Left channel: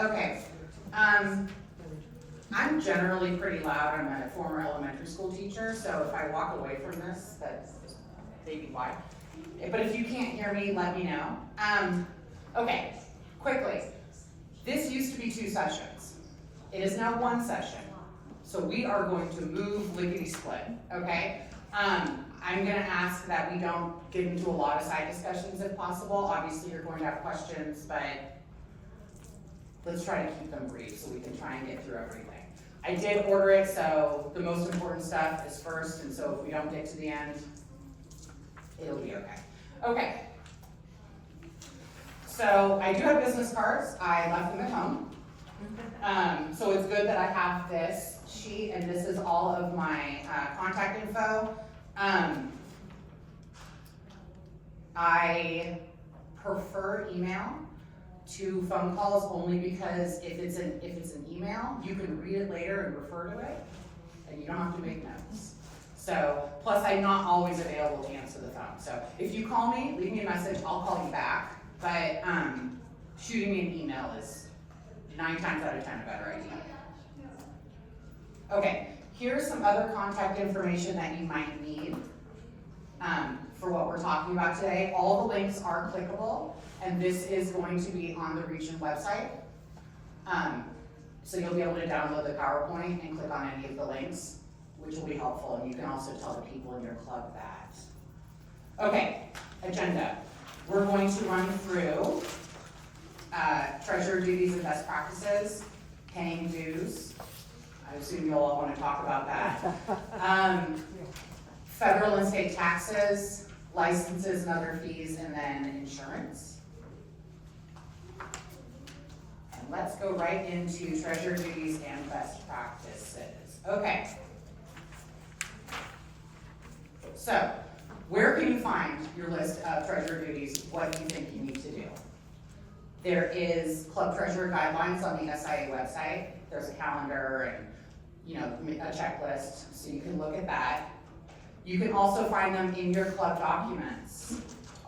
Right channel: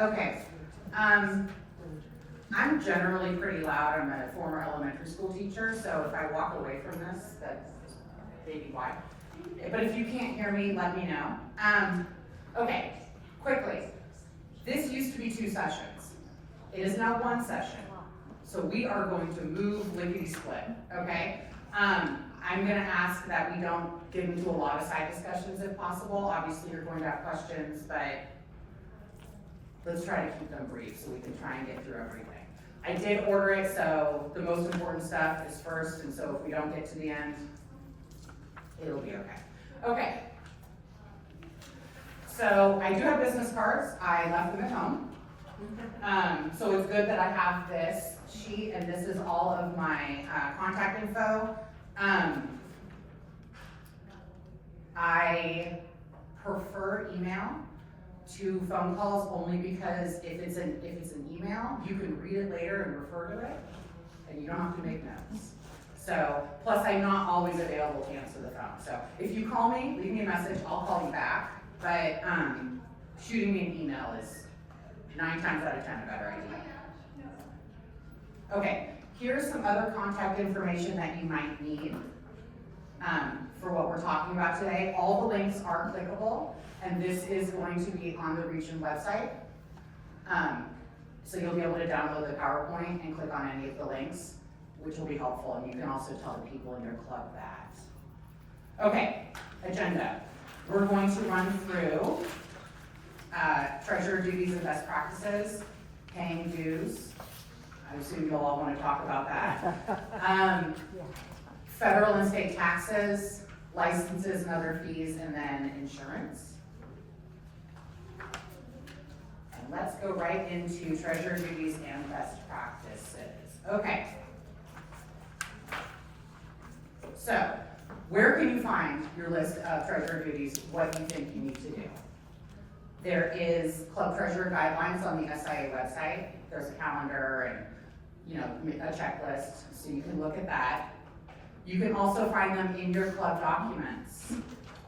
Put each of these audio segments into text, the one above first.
Okay, I'm generally pretty loud. I'm a former elementary school teacher, so if I walk away from this, that's maybe why. But if you can't hear me, let me know. Okay, quickly. This used to be 2 sessions. It is now 1 session. So we are going to move lickety-split, okay? I'm gonna ask that we don't get into a lot of side discussions if possible. Obviously, you're going to have questions, but let's try to keep them brief so we can try and get through everything. I did order it, so the most important stuff is first, and so if we don't get to the end, it'll be okay. Okay. So I do have business cards. I left them at home. So it's good that I have this sheet, and this is all of my contact info. I prefer email to phone calls only because if it's an email, you can read it later and refer to it, and you don't have to make notes. So, plus I'm not always available to answer the phone. So if you call me, leave me a message, I'll call you back. But shooting me an email is 9 times out of 10 a better idea. Okay, here's some other contact information that you might need for what we're talking about today. All the links are clickable, and this is going to be on the region website. So you'll be able to download the PowerPoint and click on any of the links, which will be helpful, and you can also tell the people in your club that. Okay, agenda. We're going to run through treasurer duties and best practices, paying dues. I assume you'll all want to talk about that. Federal and state taxes, licenses and other fees, and then insurance. And let's go right into treasurer duties and best practices. Okay. So, where can you find your list of treasurer duties, what you think you need to do? There is club treasurer guidelines on the SIA website. There's a calendar and a checklist, so you can look at that. You can also find them in your club documents.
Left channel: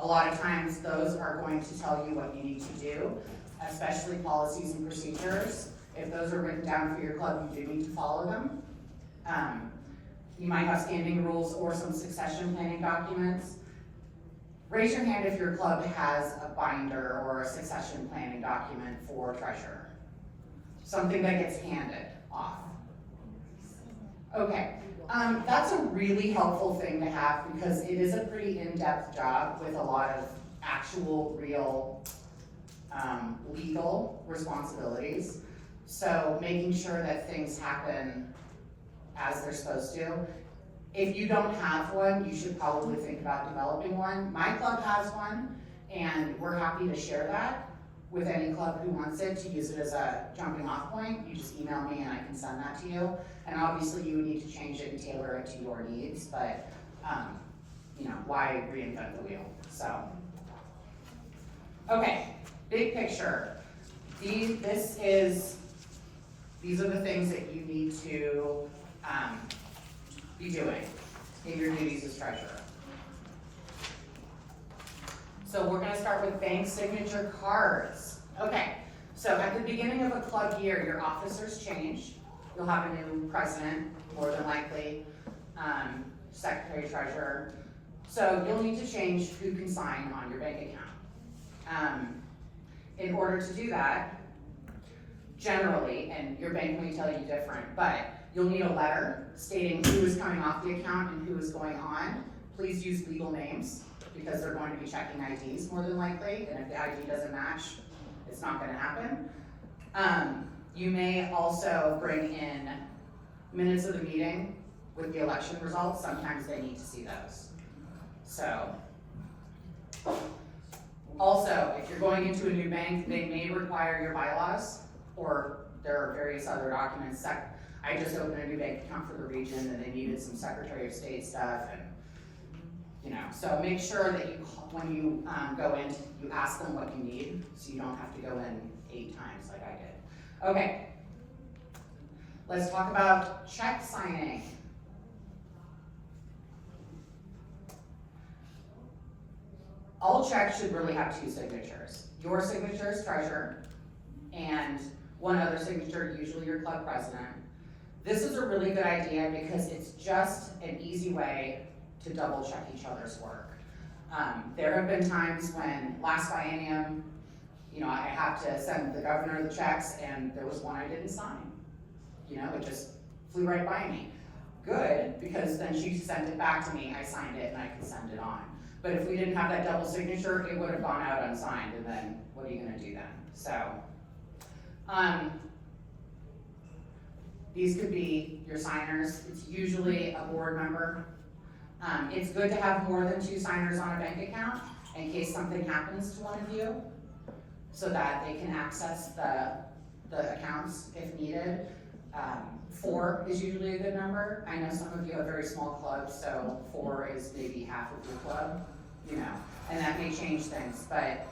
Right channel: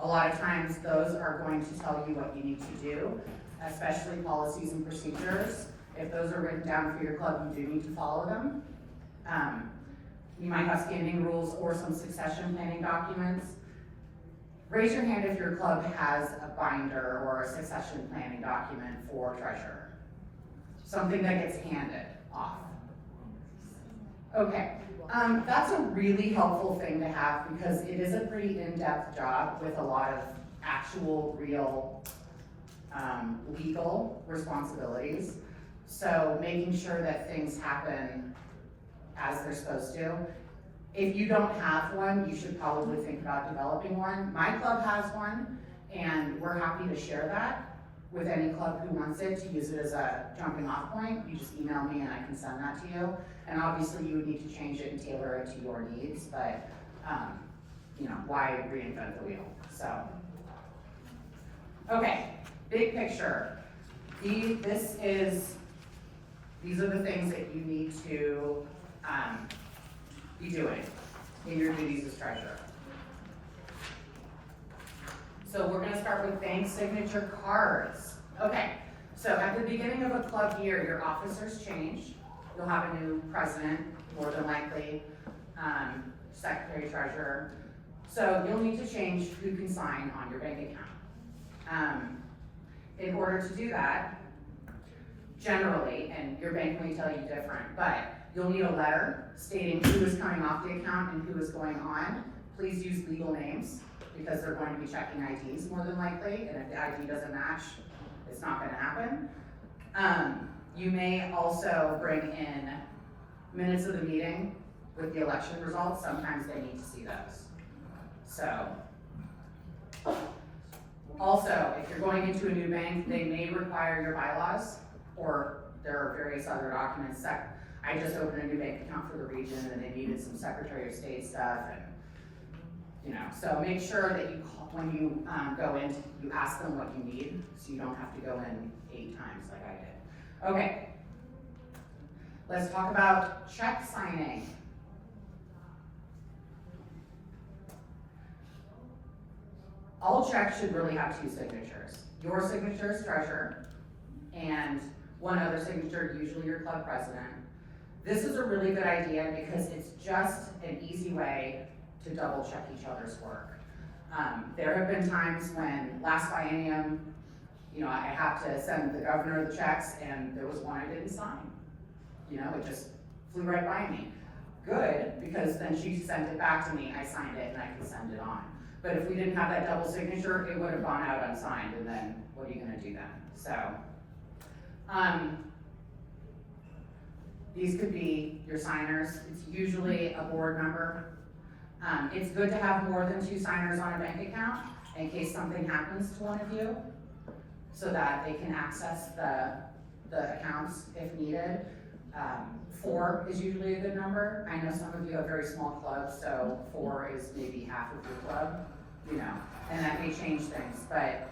A lot of times those are going to tell you what you need to do, especially policies and procedures. If those are written down for your club, you do need to follow them. You might have standing rules or some succession planning documents. Raise your hand if your club has a binder or a succession planning document for treasurer. Something that gets handed off. Okay, that's a really helpful thing to have because it is a pretty in-depth job with a lot of actual, real legal responsibilities. So making sure that things happen as they're supposed to. If you don't have one, you should probably think about developing one. My club has one, and we're happy to share that with any club who wants it, to use it as a jumping off point. You just email me and I can send that to you. And obviously you would need to change it and tailor it to your needs, but why reinvent the wheel? So, okay, big picture. These are the things that you need to be doing in your duties as treasurer. So we're going to start with bank signature cards. Okay, so at the beginning of a club year, your officers change. You'll have a new president, more than likely, secretary, treasurer. So you'll need to change who can sign on your bank account. In order to do that, generally, and your bank may tell you different, but you'll need a letter stating who is coming off the account and who is going on. Please use legal names because they're going to be checking IDs more than likely, and if the ID doesn't match, it's not going to happen. You may also bring in minutes of the meeting with the election results. Sometimes they need to see those. So, also, if you're going into a new bank, they may require your bylaws, or there are various other documents. I just opened a new bank account for the region, and they needed some Secretary of State stuff, and so make sure that when you go in, you ask them what you need, so you don't have to go in 8 times like I did. Okay, let's talk about check signing. All checks should really have 2 signatures. Your signature as treasurer, and one other signature, usually your club president. This is a really good idea because it's just an easy way to double check each other's work. There have been times when last biennium, I have to send the governor the checks and there was one I didn't sign. It just flew right by me. Good, because then she sent it back to me, I signed it, and I can send it on. But if we didn't have that double signature, it would have gone out unsigned, and then what are you gonna do then? So, these could be your signers. It's usually a board member. It's good to have more than 2 signers on a bank account in case something happens to one of you, so that they can access the accounts if needed. 4 is usually a good number. I know some of you have very small clubs, so 4 is maybe half of your club, and that may change things, but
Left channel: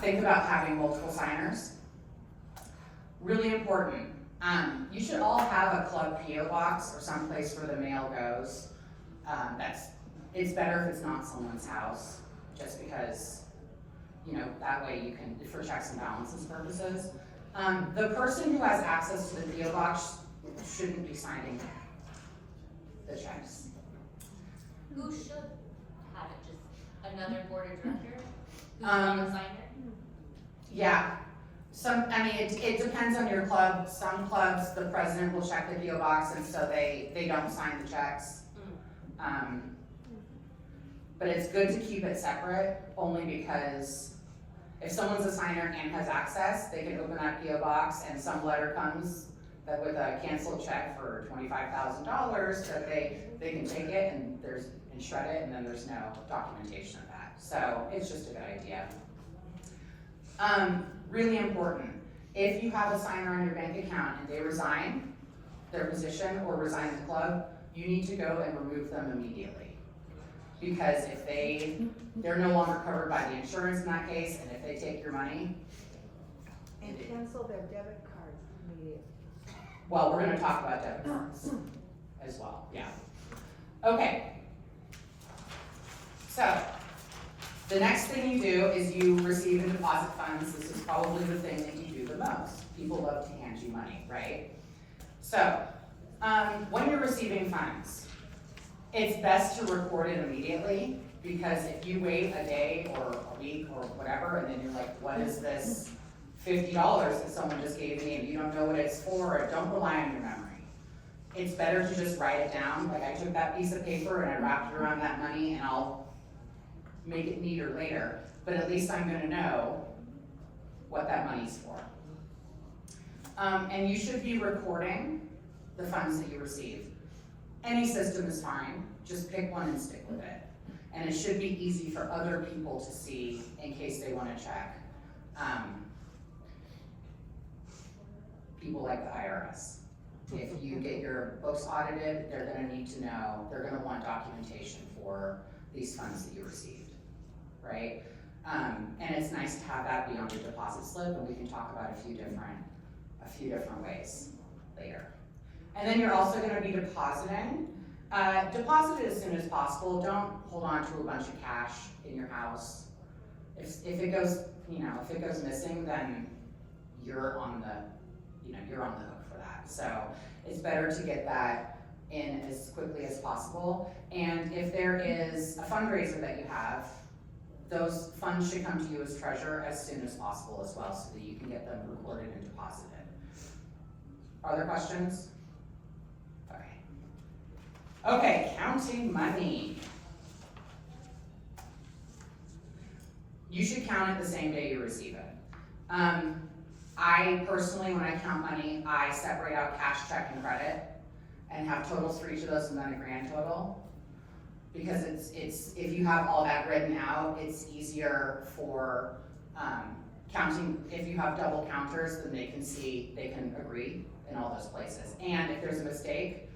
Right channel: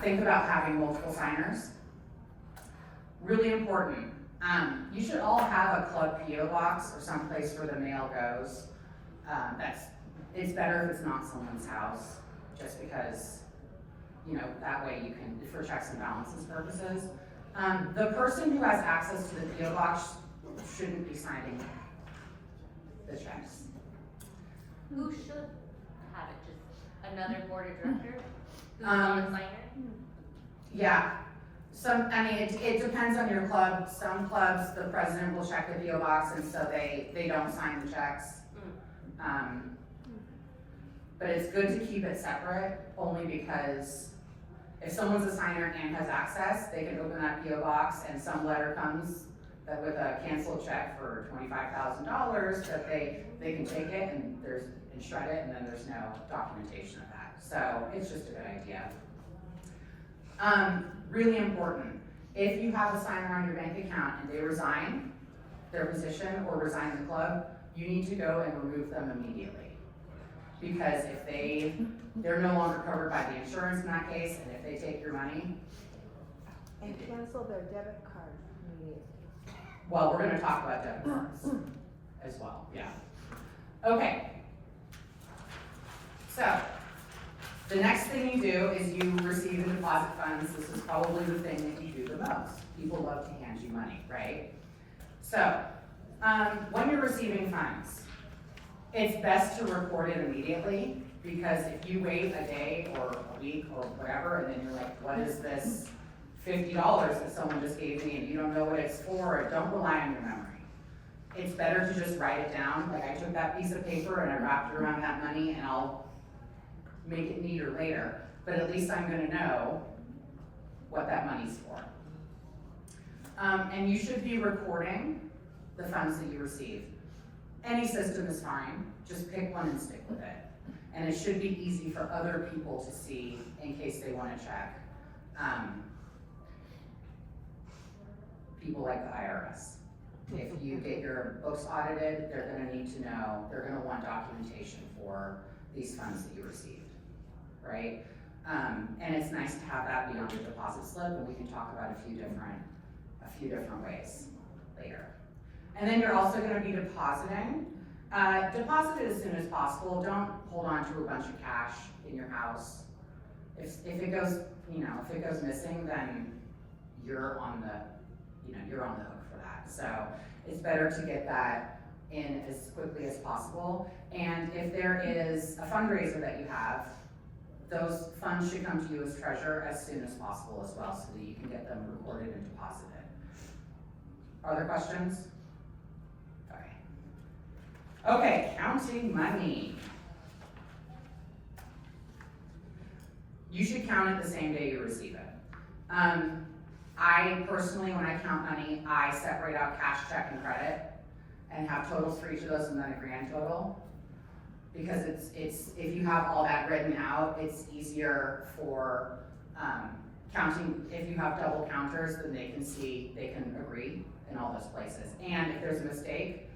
think about having multiple signers. Really important. You should all have a club PO box or someplace where the mail goes. It's better if it's not someone's house, just because, that way you can, for checks and balances purposes. The person who has access to the PO box shouldn't be signing the checks. Who should have it? Just another board of director? Who's not a signer? Yeah. It depends on your club. Some clubs, the president will check the PO box, and so they don't sign the checks. But it's good to keep it separate, only because if someone's a signer and has access, they can open that PO box and some letter comes with a canceled check for $25,000 that they can take it and shred it, and then there's no documentation of that. So it's just a good idea. Really important, if you have a signer on your bank account and they resign their position or resign the club, you need to go and remove them immediately. Because if they're no longer covered by the insurance in that case, and if they take your money. And cancel their debit card immediately. Well, we're gonna talk about debit cards as well, yeah. Okay. So, the next thing you do is you receive and deposit funds. This is probably the thing that you do the most. People love to hand you money, right? So, when you're receiving funds, it's best to record it immediately, because if you wait a day or a week or whatever, and then you're like, what is this $50 that someone just gave me, and you don't know what it's for, don't rely on your memory. It's better to just write it down. Like, I took that piece of paper and I wrapped it around that money, and I'll make it neater later, but at least I'm gonna know what that money's for. And you should be recording the funds that you receive. Any system is fine, just pick one and stick with it. And it should be easy for other people to see in case they wanna check. People like the IRS. If you get your books audited, they're gonna need to know, they're gonna want documentation for these funds that you received, right? And it's nice to have that be on your deposit slip, and we can talk about a few different ways later. And then you're also gonna be depositing. Deposit it as soon as possible. Don't hold on to a bunch of cash in your house. If it goes, if it goes missing, then you're on the hook for that. So it's better to get that in as quickly as possible. And if there is a fundraiser that you have, those funds should come to you as treasurer as soon as possible as well, so that you can get them recorded and deposited. Are there questions? Okay, counting money. You should count it the same day you receive it. I personally, when I count money, I separate out cash, check, and credit, and have totals for each of those and then a grand total. Because it's if you have all that written out, it's easier for counting. If you have double counters, then they can agree in all those places. And if there's a mistake,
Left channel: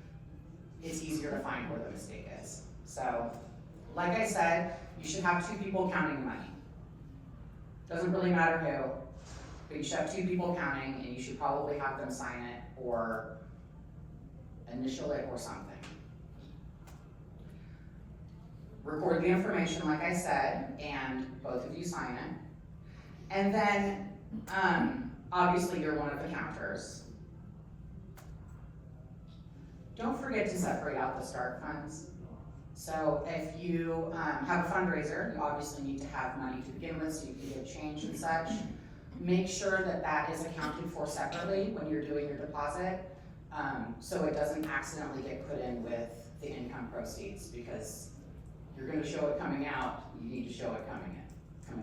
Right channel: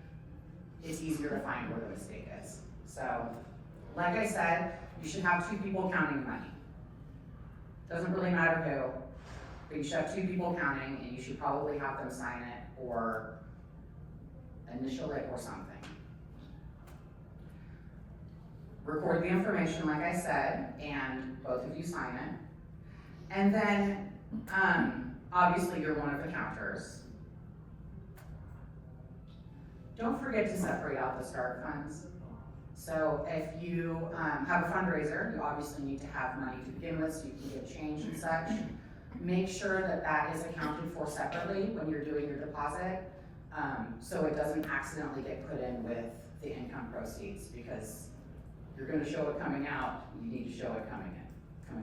it's easier to find where the mistake is. So, like I said, you should have 2 people counting the money. Doesn't really matter who, but you should have 2 people counting, and you should probably have them sign it or initial it or something. Record the information, like I said, and both of you sign it. And then obviously you're one of the counters. Don't forget to separate out the start funds. So if you have a fundraiser, you obviously need to have money to begin with so you can get change and such. Make sure that that is accounted for separately when you're doing your deposit, so it doesn't accidentally get put in with the income proceeds, because you're gonna show it coming out, you need to show it coming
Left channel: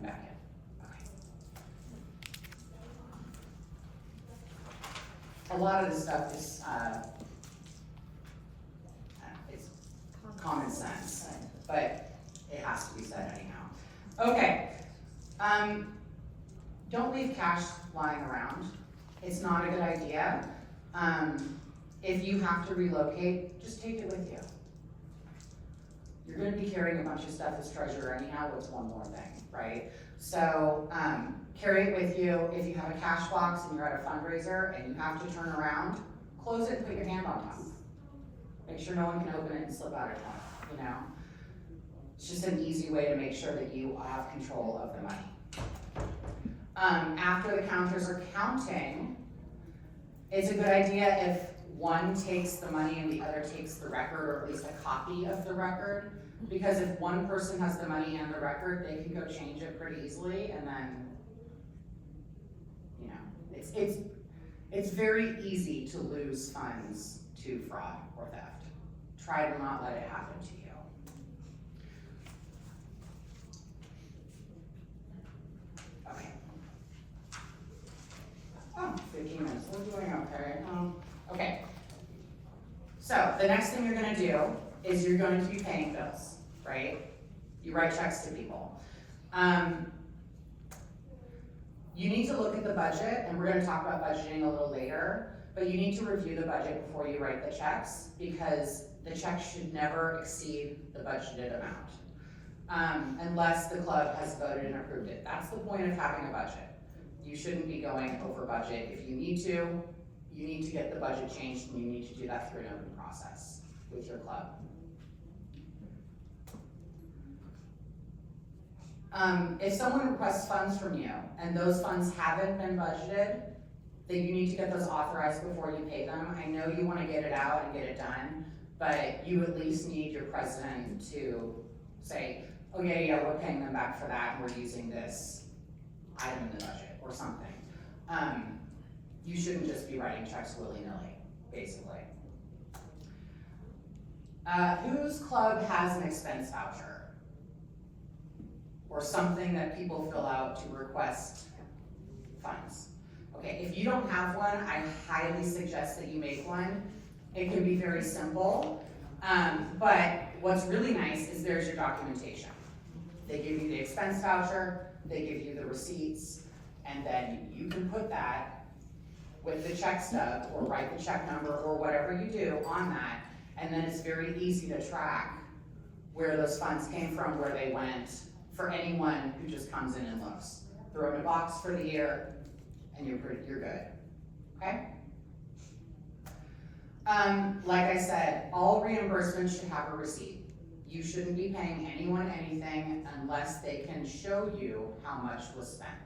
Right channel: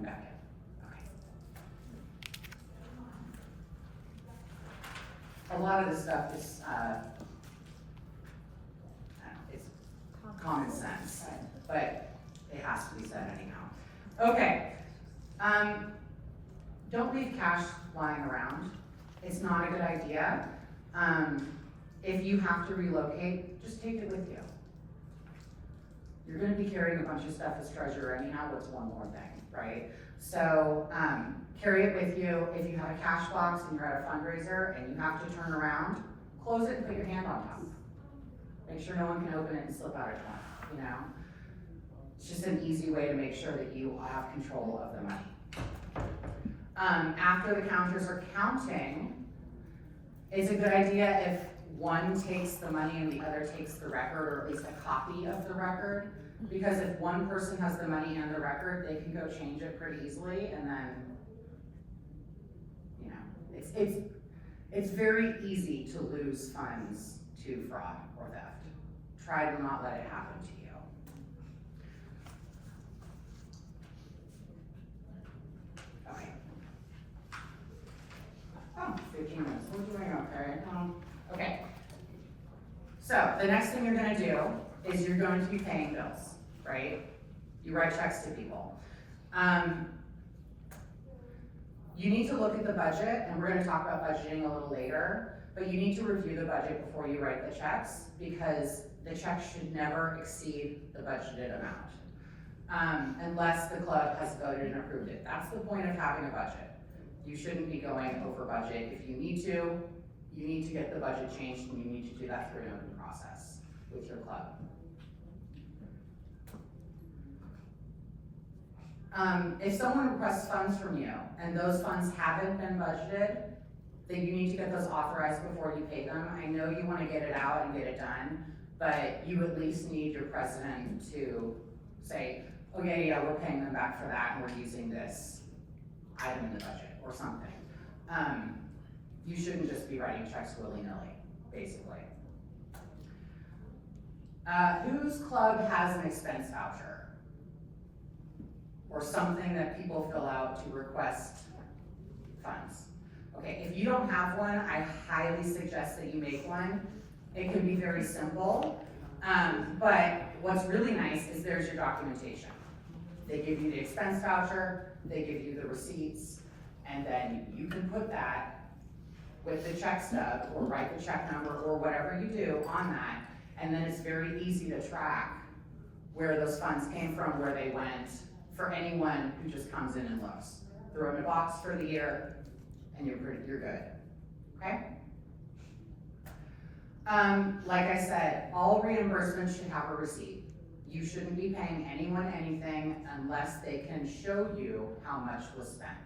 back in. Okay. A lot of this stuff is, it's common sense, but it has to be said anyhow. Okay, don't leave cash lying around. It's not a good idea. If you have to relocate, just take it with you. You're gonna be carrying a bunch of stuff as treasurer anyhow, what's one more thing, right? So, carry it with you. If you have a cash box and you're at a fundraiser and you have to turn around, close it and put your hand on top. Make sure no one can open it and slip out at once, you know? It's just an easy way to make sure that you have control of the money. After the counters are counting, it's a good idea if one takes the money and the other takes the record, or at least a copy of the record. Because if one person has the money and the record, they can go change it pretty easily, and then, you know, it's very easy to lose funds to fraud or theft. Try to not let it happen to you. Okay. Oh, 15 minutes, we're doing okay. Okay. So the next thing you're gonna do is you're going to be paying bills, right? You write checks to people. You need to look at the budget, and we're gonna talk about budgeting a little later, but you need to review the budget before you write the checks, because the check should never exceed the budgeted amount, unless the club has voted and approved it. That's the point of having a budget. You shouldn't be going over budget. If you need to, you need to get the budget changed, and you need to do that through an open process with your club. If someone requests funds from you and those funds haven't been budgeted, then you need to get those authorized before you pay them. I know you want to get it out and get it done, but you at least need your president to say, okay, yeah, we're paying them back for that, and we're using this item in the budget or something. You shouldn't just be writing checks willy-nilly, basically. Whose club has an expense voucher? Or something that people fill out to request funds? Okay, if you don't have one, I highly suggest that you make one. It can be very simple, but what's really nice is there's your documentation. They give you the expense voucher, they give you the receipts, and then you can put that with the check stub, or write the check number, or whatever you do on that, and then it's very easy to track where those funds came from, where they went, for anyone who just comes in and looks. Throw them in a box for the year, and you're good, okay? Like I said, all reimbursements should have a receipt. You shouldn't be paying anyone anything unless they can show you how much was spent.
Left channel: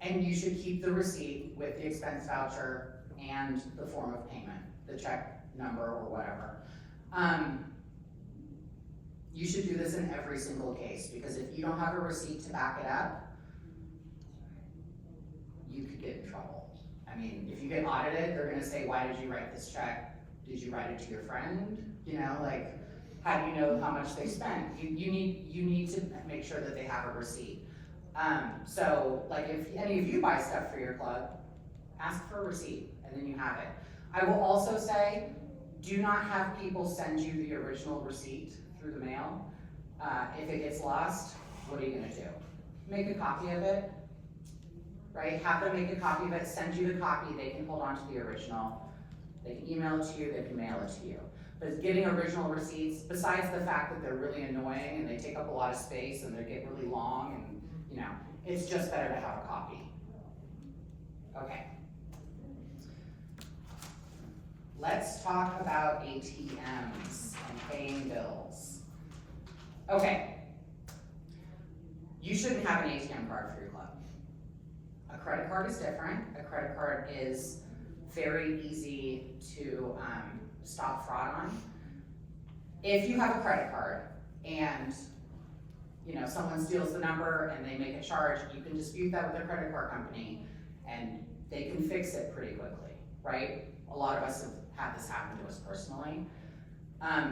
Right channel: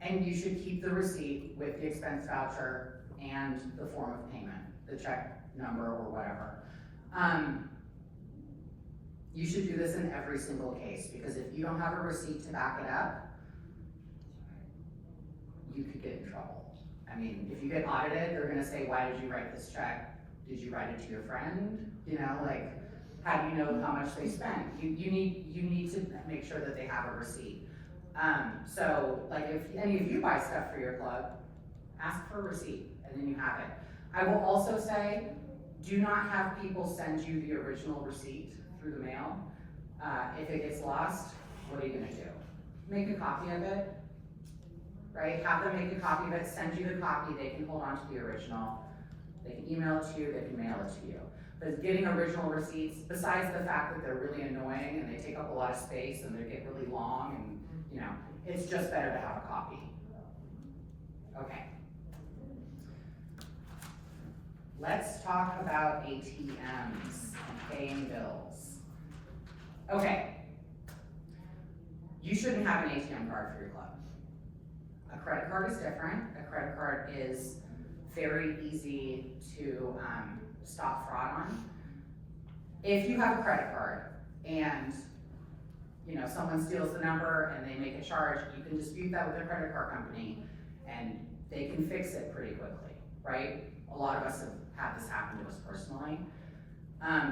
And you should keep the receipt with the expense voucher and the form of payment, the check number or whatever. You should do this in every single case, because if you don't have a receipt to back it up, you could get in trouble. I mean, if you get audited, they're gonna say, why did you write this check? Did you write it to your friend? You know, like, how do you know how much they spent? You need to make sure that they have a receipt. So, like, if any of you buy stuff for your club, ask for a receipt, and then you have it. I will also say, do not have people send you the original receipt through the mail. If it gets lost, what are you gonna do? Make a copy of it, right? Have them make a copy of it, send you the copy, they can hold on to the original. They can email it to you, they can mail it to you. But getting original receipts, besides the fact that they're really annoying and they take up a lot of space and they get really long, and you know, it's just better to have a copy. Okay. Let's talk about ATMs and paying bills. Okay. You shouldn't have an ATM card for your club. A credit card is different. A credit card is very easy to stop fraud on. If you have a credit card and someone steals the number and they make a charge, you can dispute that with the credit card company and they can fix it pretty quickly, right? A lot of us have had this happen to us personally.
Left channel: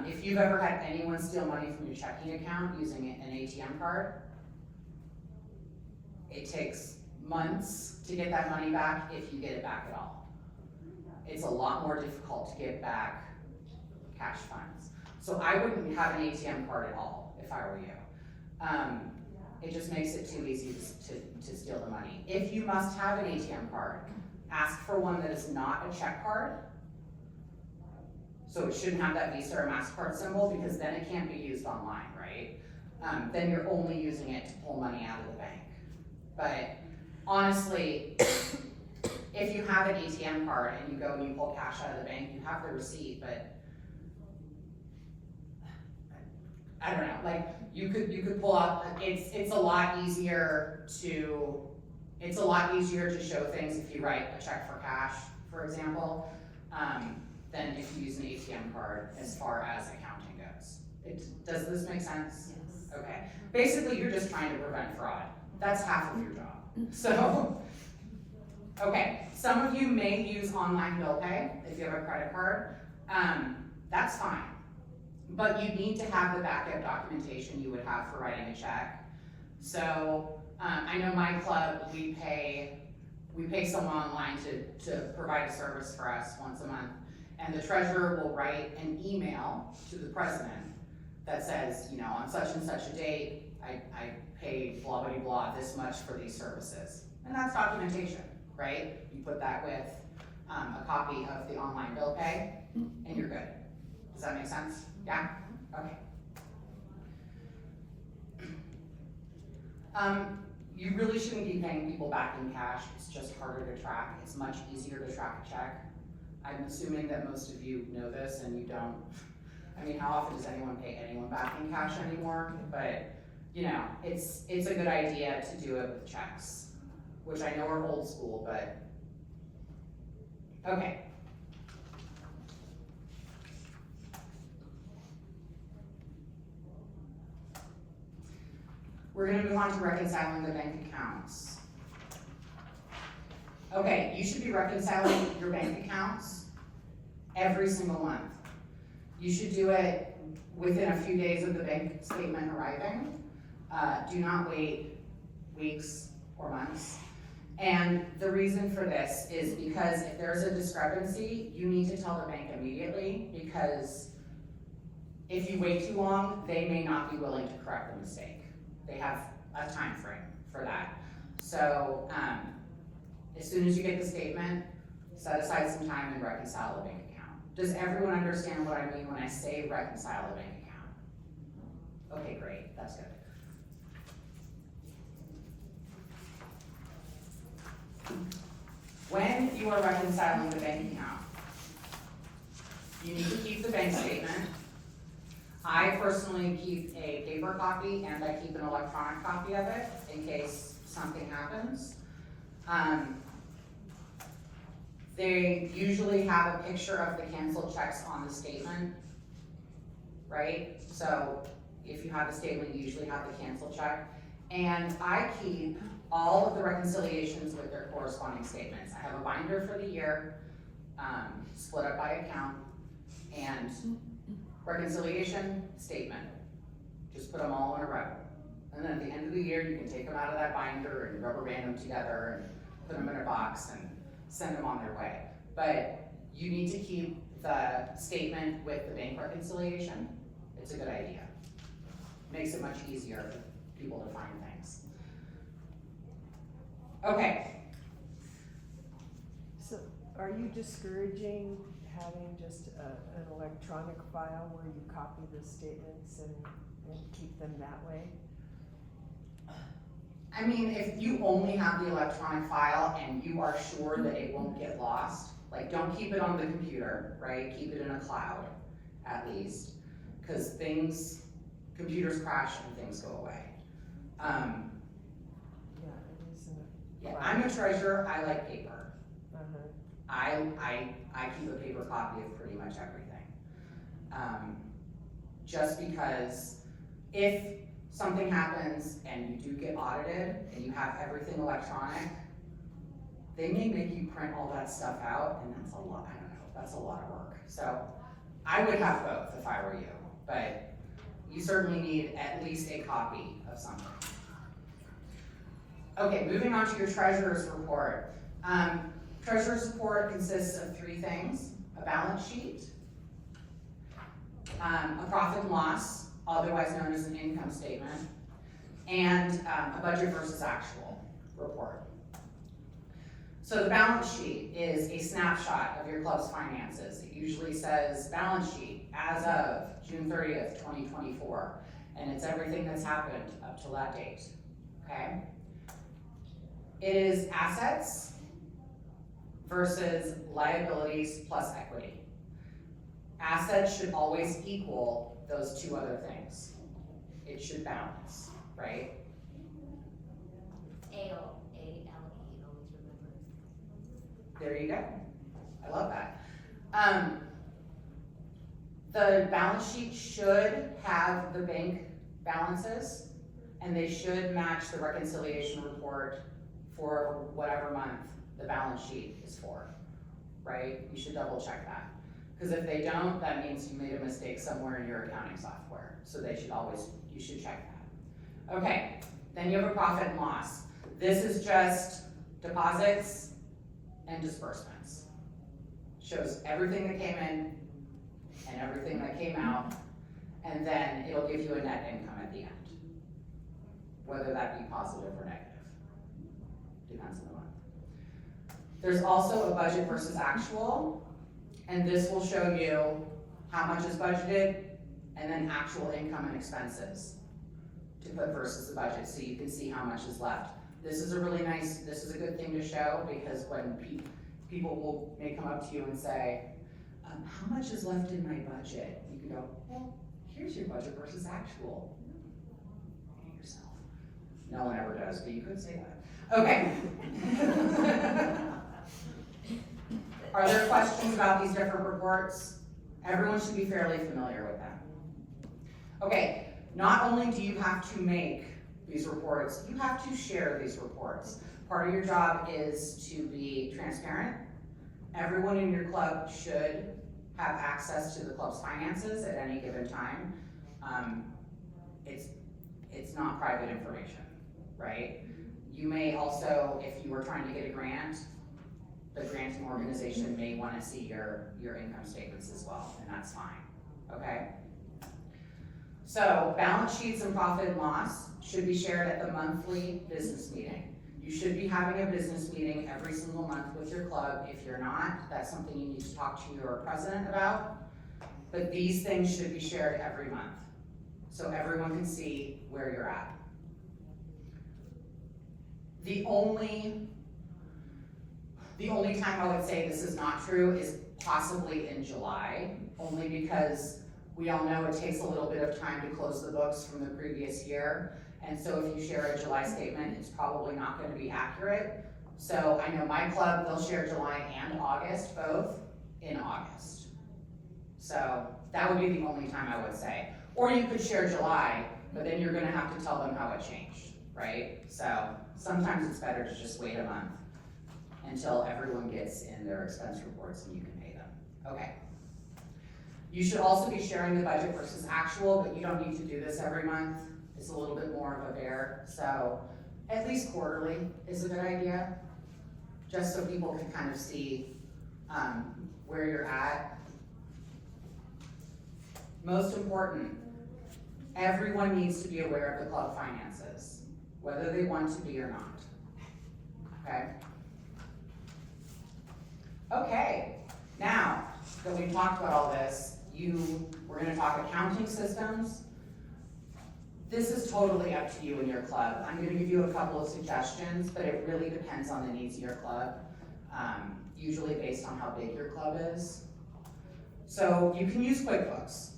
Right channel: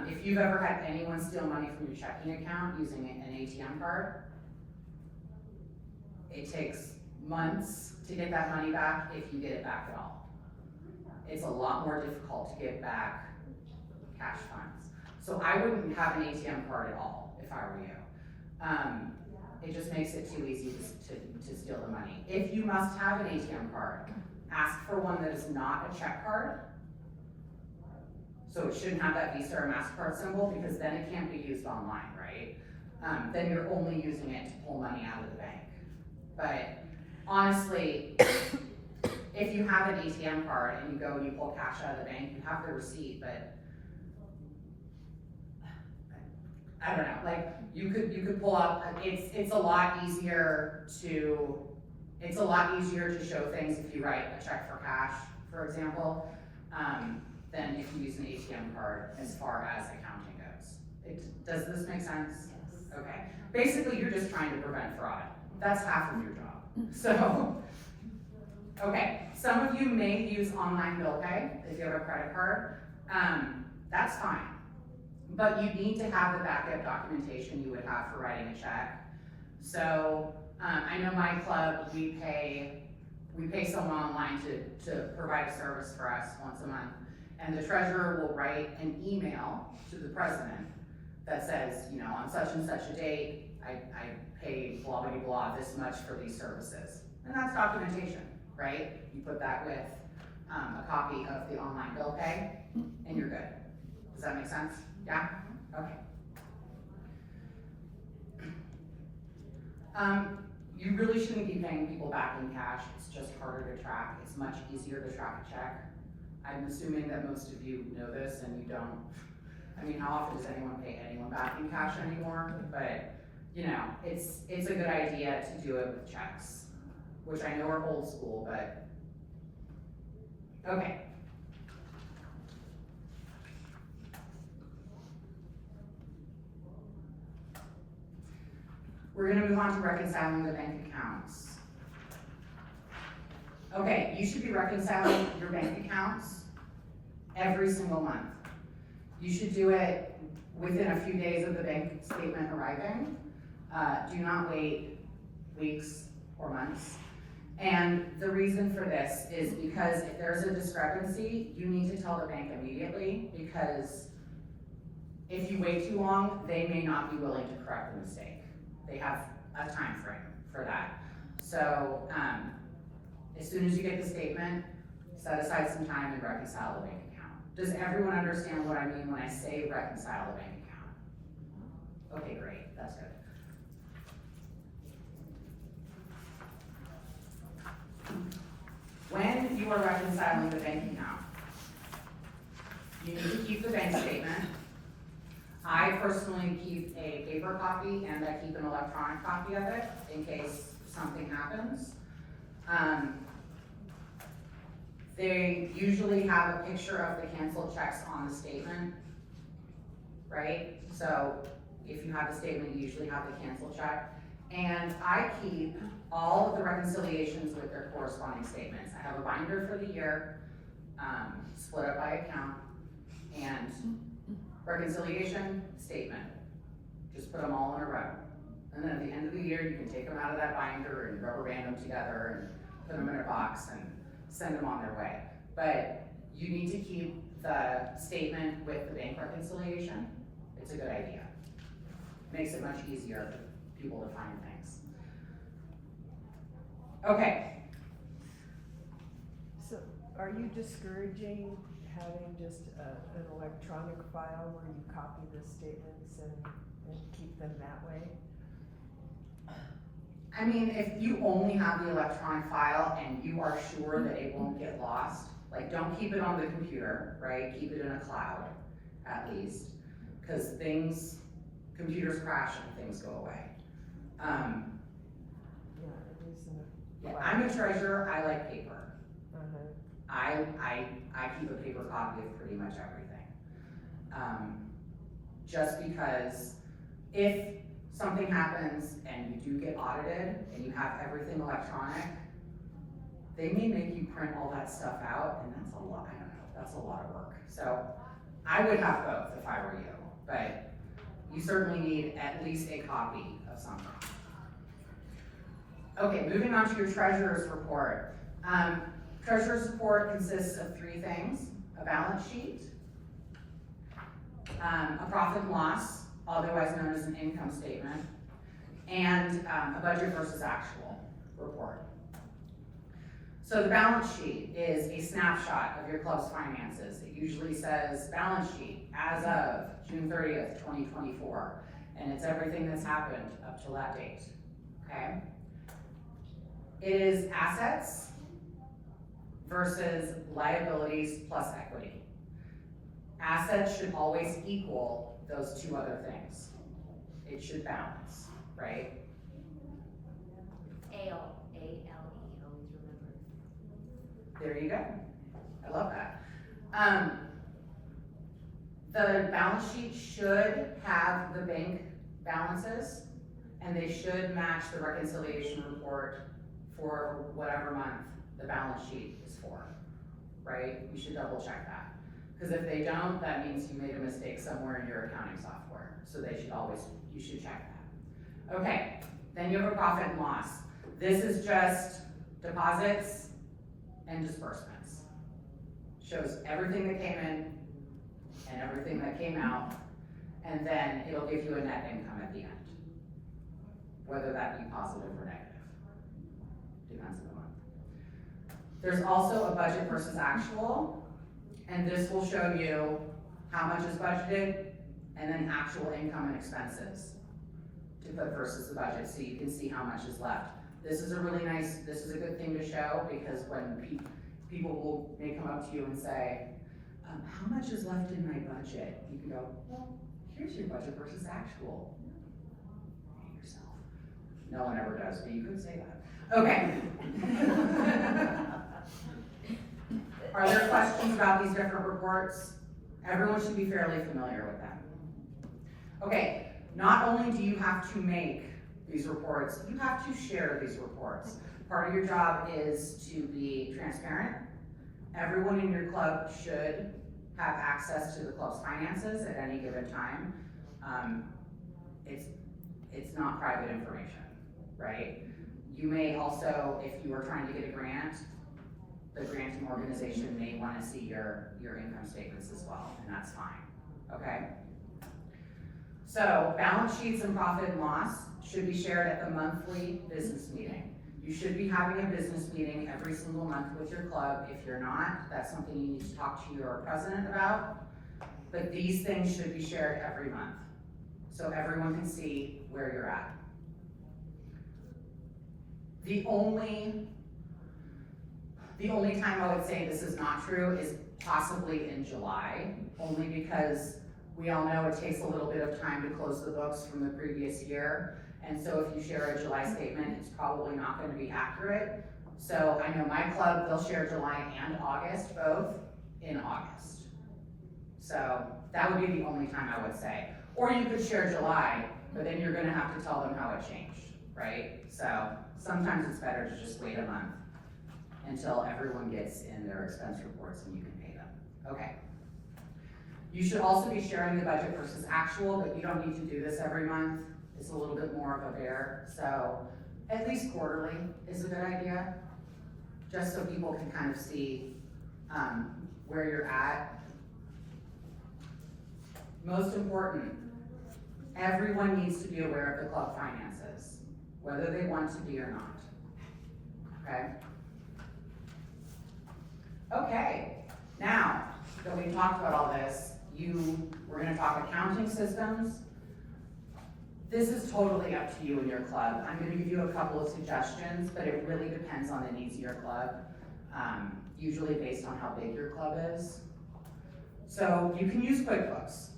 If you've ever had anyone steal money from your checking account using an ATM card, it takes months to get that money back if you get it back at all. It's a lot more difficult to get back cash funds. So I wouldn't have an ATM card at all if I were you. It just makes it too easy to steal the money. If you must have an ATM card, ask for one that is not a check card. So it shouldn't have that Visa or MasterCard symbol because then it can't be used online, right? Then you're only using it to pull money out of the bank. But honestly, if you have an ATM card and you go and you pull cash out of the bank, you have the receipt, but I don't know, like you could pull out, it's a lot easier to show things if you write a check for cash, for example, than if you use an ATM card as far as accounting goes. Does this make sense? Yes. Okay. Basically, you're just trying to prevent fraud. That's half of your job. So, okay, some of you may use online bill pay if you have a credit card. That's fine. But you need to have the backup documentation you would have for writing a check. So, I know my club, we pay someone online to provide a service for us once a month. And the treasurer will write an email to the president that says, on such and such a date, I paid blah, blah, blah, this much for these services. And that's documentation, right? You put that with a copy of the online bill pay, and you're good. Does that make sense? Yeah? Okay. You really shouldn't be paying people back in cash. It's just harder to track. It's much easier to track a check. I'm assuming that most of you know this and you don't. I mean, how often does anyone pay anyone back in cash anymore? But, it's a good idea to do it with checks, which I know are old school, but, okay. We're gonna move on to reconciling the bank accounts. Okay, you should be reconciling your bank accounts every single month. You should do it within a few days of the bank statement arriving. Do not wait weeks or months. And the reason for this is because if there's a discrepancy, you need to tell the bank immediately, because if you wait too long, they may not be willing to correct the mistake. They have a time frame for that. So as soon as you get the statement, set aside some time and reconcile the bank account. Does everyone understand what I mean when I say reconcile the bank account? Okay, great, that's good. When you are reconciling the bank account, you need to keep the bank statement. I personally keep a paper copy and I keep an electronic copy of it in case something happens. They usually have a picture of the canceled checks on the statement, right? So if you have the statement, you usually have the canceled check. And I keep all of the reconciliations with their corresponding statements. I have a binder for the year, split up by account, and reconciliation, statement. Just put them all in a row. And then at the end of the year, you can take them out of that binder and rubber band them together and put them in a box and send them on their way. But you need to keep the statement with the bank reconciliation. It's a good idea. Makes it much easier for people to find things. Okay. So are you discouraging having just an electronic file where you copy the statements and keep them that way? I mean, if you only have the electronic file and you are sure that it won't get lost, like don't keep it on the computer, right? Keep it in a cloud, at least, because computers crash and things go away. isn't it? Yeah, I'm a treasurer, I like paper. Uh-huh. I keep a paper copy of pretty much everything. Just because if something happens and you do get audited and you have everything electronic, they may make you print all that stuff out, and that's a lot, I don't know, that's a lot of work. So I would have both if I were you, but you certainly need at least a copy of something. Okay, moving on to your treasurer's report. Treasurer's report consists of 3 things: a balance sheet, a profit and loss, otherwise known as an income statement, and a budget versus actual report. So the balance sheet is a snapshot of your club's finances. It usually says balance sheet as of June 30th, 2024, and it's everything that's happened up till that date, okay? It is assets versus liabilities plus equity. Assets should always equal those 2 other things. It should balance, right? A-L-E, always remember. There you go. I love that. The balance sheet should have the bank balances, and they should match the reconciliation report for whatever month the balance sheet is for, right? You should double check that. Because if they don't, that means you made a mistake somewhere in your accounting software. So you should check that. Okay, then you have a profit and loss. This is just deposits and disbursements. Shows everything that came in and everything that came out, and then it'll give you a net income at the end. Whether that be positive or negative. Depends on the month. There's also a budget versus actual, and this will show you how much is budgeted and then actual income and expenses to put versus the budget, so you can see how much is left. This is a good thing to show, because when people may come up to you and say, how much is left in my budget? You can go, well, here's your budget versus actual. Hate yourself. No one ever does, but you could say that. Okay. Are there questions about these different reports? Everyone should be fairly familiar with them. Okay, not only do you have to make these reports, you have to share these reports. Part of your job is to be transparent. Everyone in your club should have access to the club's finances at any given time. It's not private information, right? You may also, if you are trying to get a grant, the granting organization may want to see your income statements as well, and that's fine, okay? So balance sheets and profit and loss should be shared at the monthly business meeting. You should be having a business meeting every single month with your club. If you're not, that's something you need to talk to your president about. But these things should be shared every month, so everyone can see where you're at. The only time I would say this is not true is possibly in July, only because we all know it takes a little bit of time to close the books from the previous year. And so if you share a July statement, it's probably not going to be accurate. So I know my club, they'll share July and August, both in August. So that would be the only time I would say. Or you could share July, but then you're going to have to tell them how it changed, right? So sometimes it's better to just wait a month until everyone gets in their expense reports and you can pay them. Okay. You should also be sharing the budget versus actual, but you don't need to do this every month. It's a little bit more of a bear. So at least quarterly is a good idea, just so people can kind of see where you're at. Most important, everyone needs to be aware of the club finances, whether they want to be or not, okay? Okay, now that we've talked about all this, we're gonna talk accounting systems. This is totally up to you and your club. I'm gonna give you a couple of suggestions, but it really depends on the needs of your club, usually based on how big your club is. So you can use QuickBooks.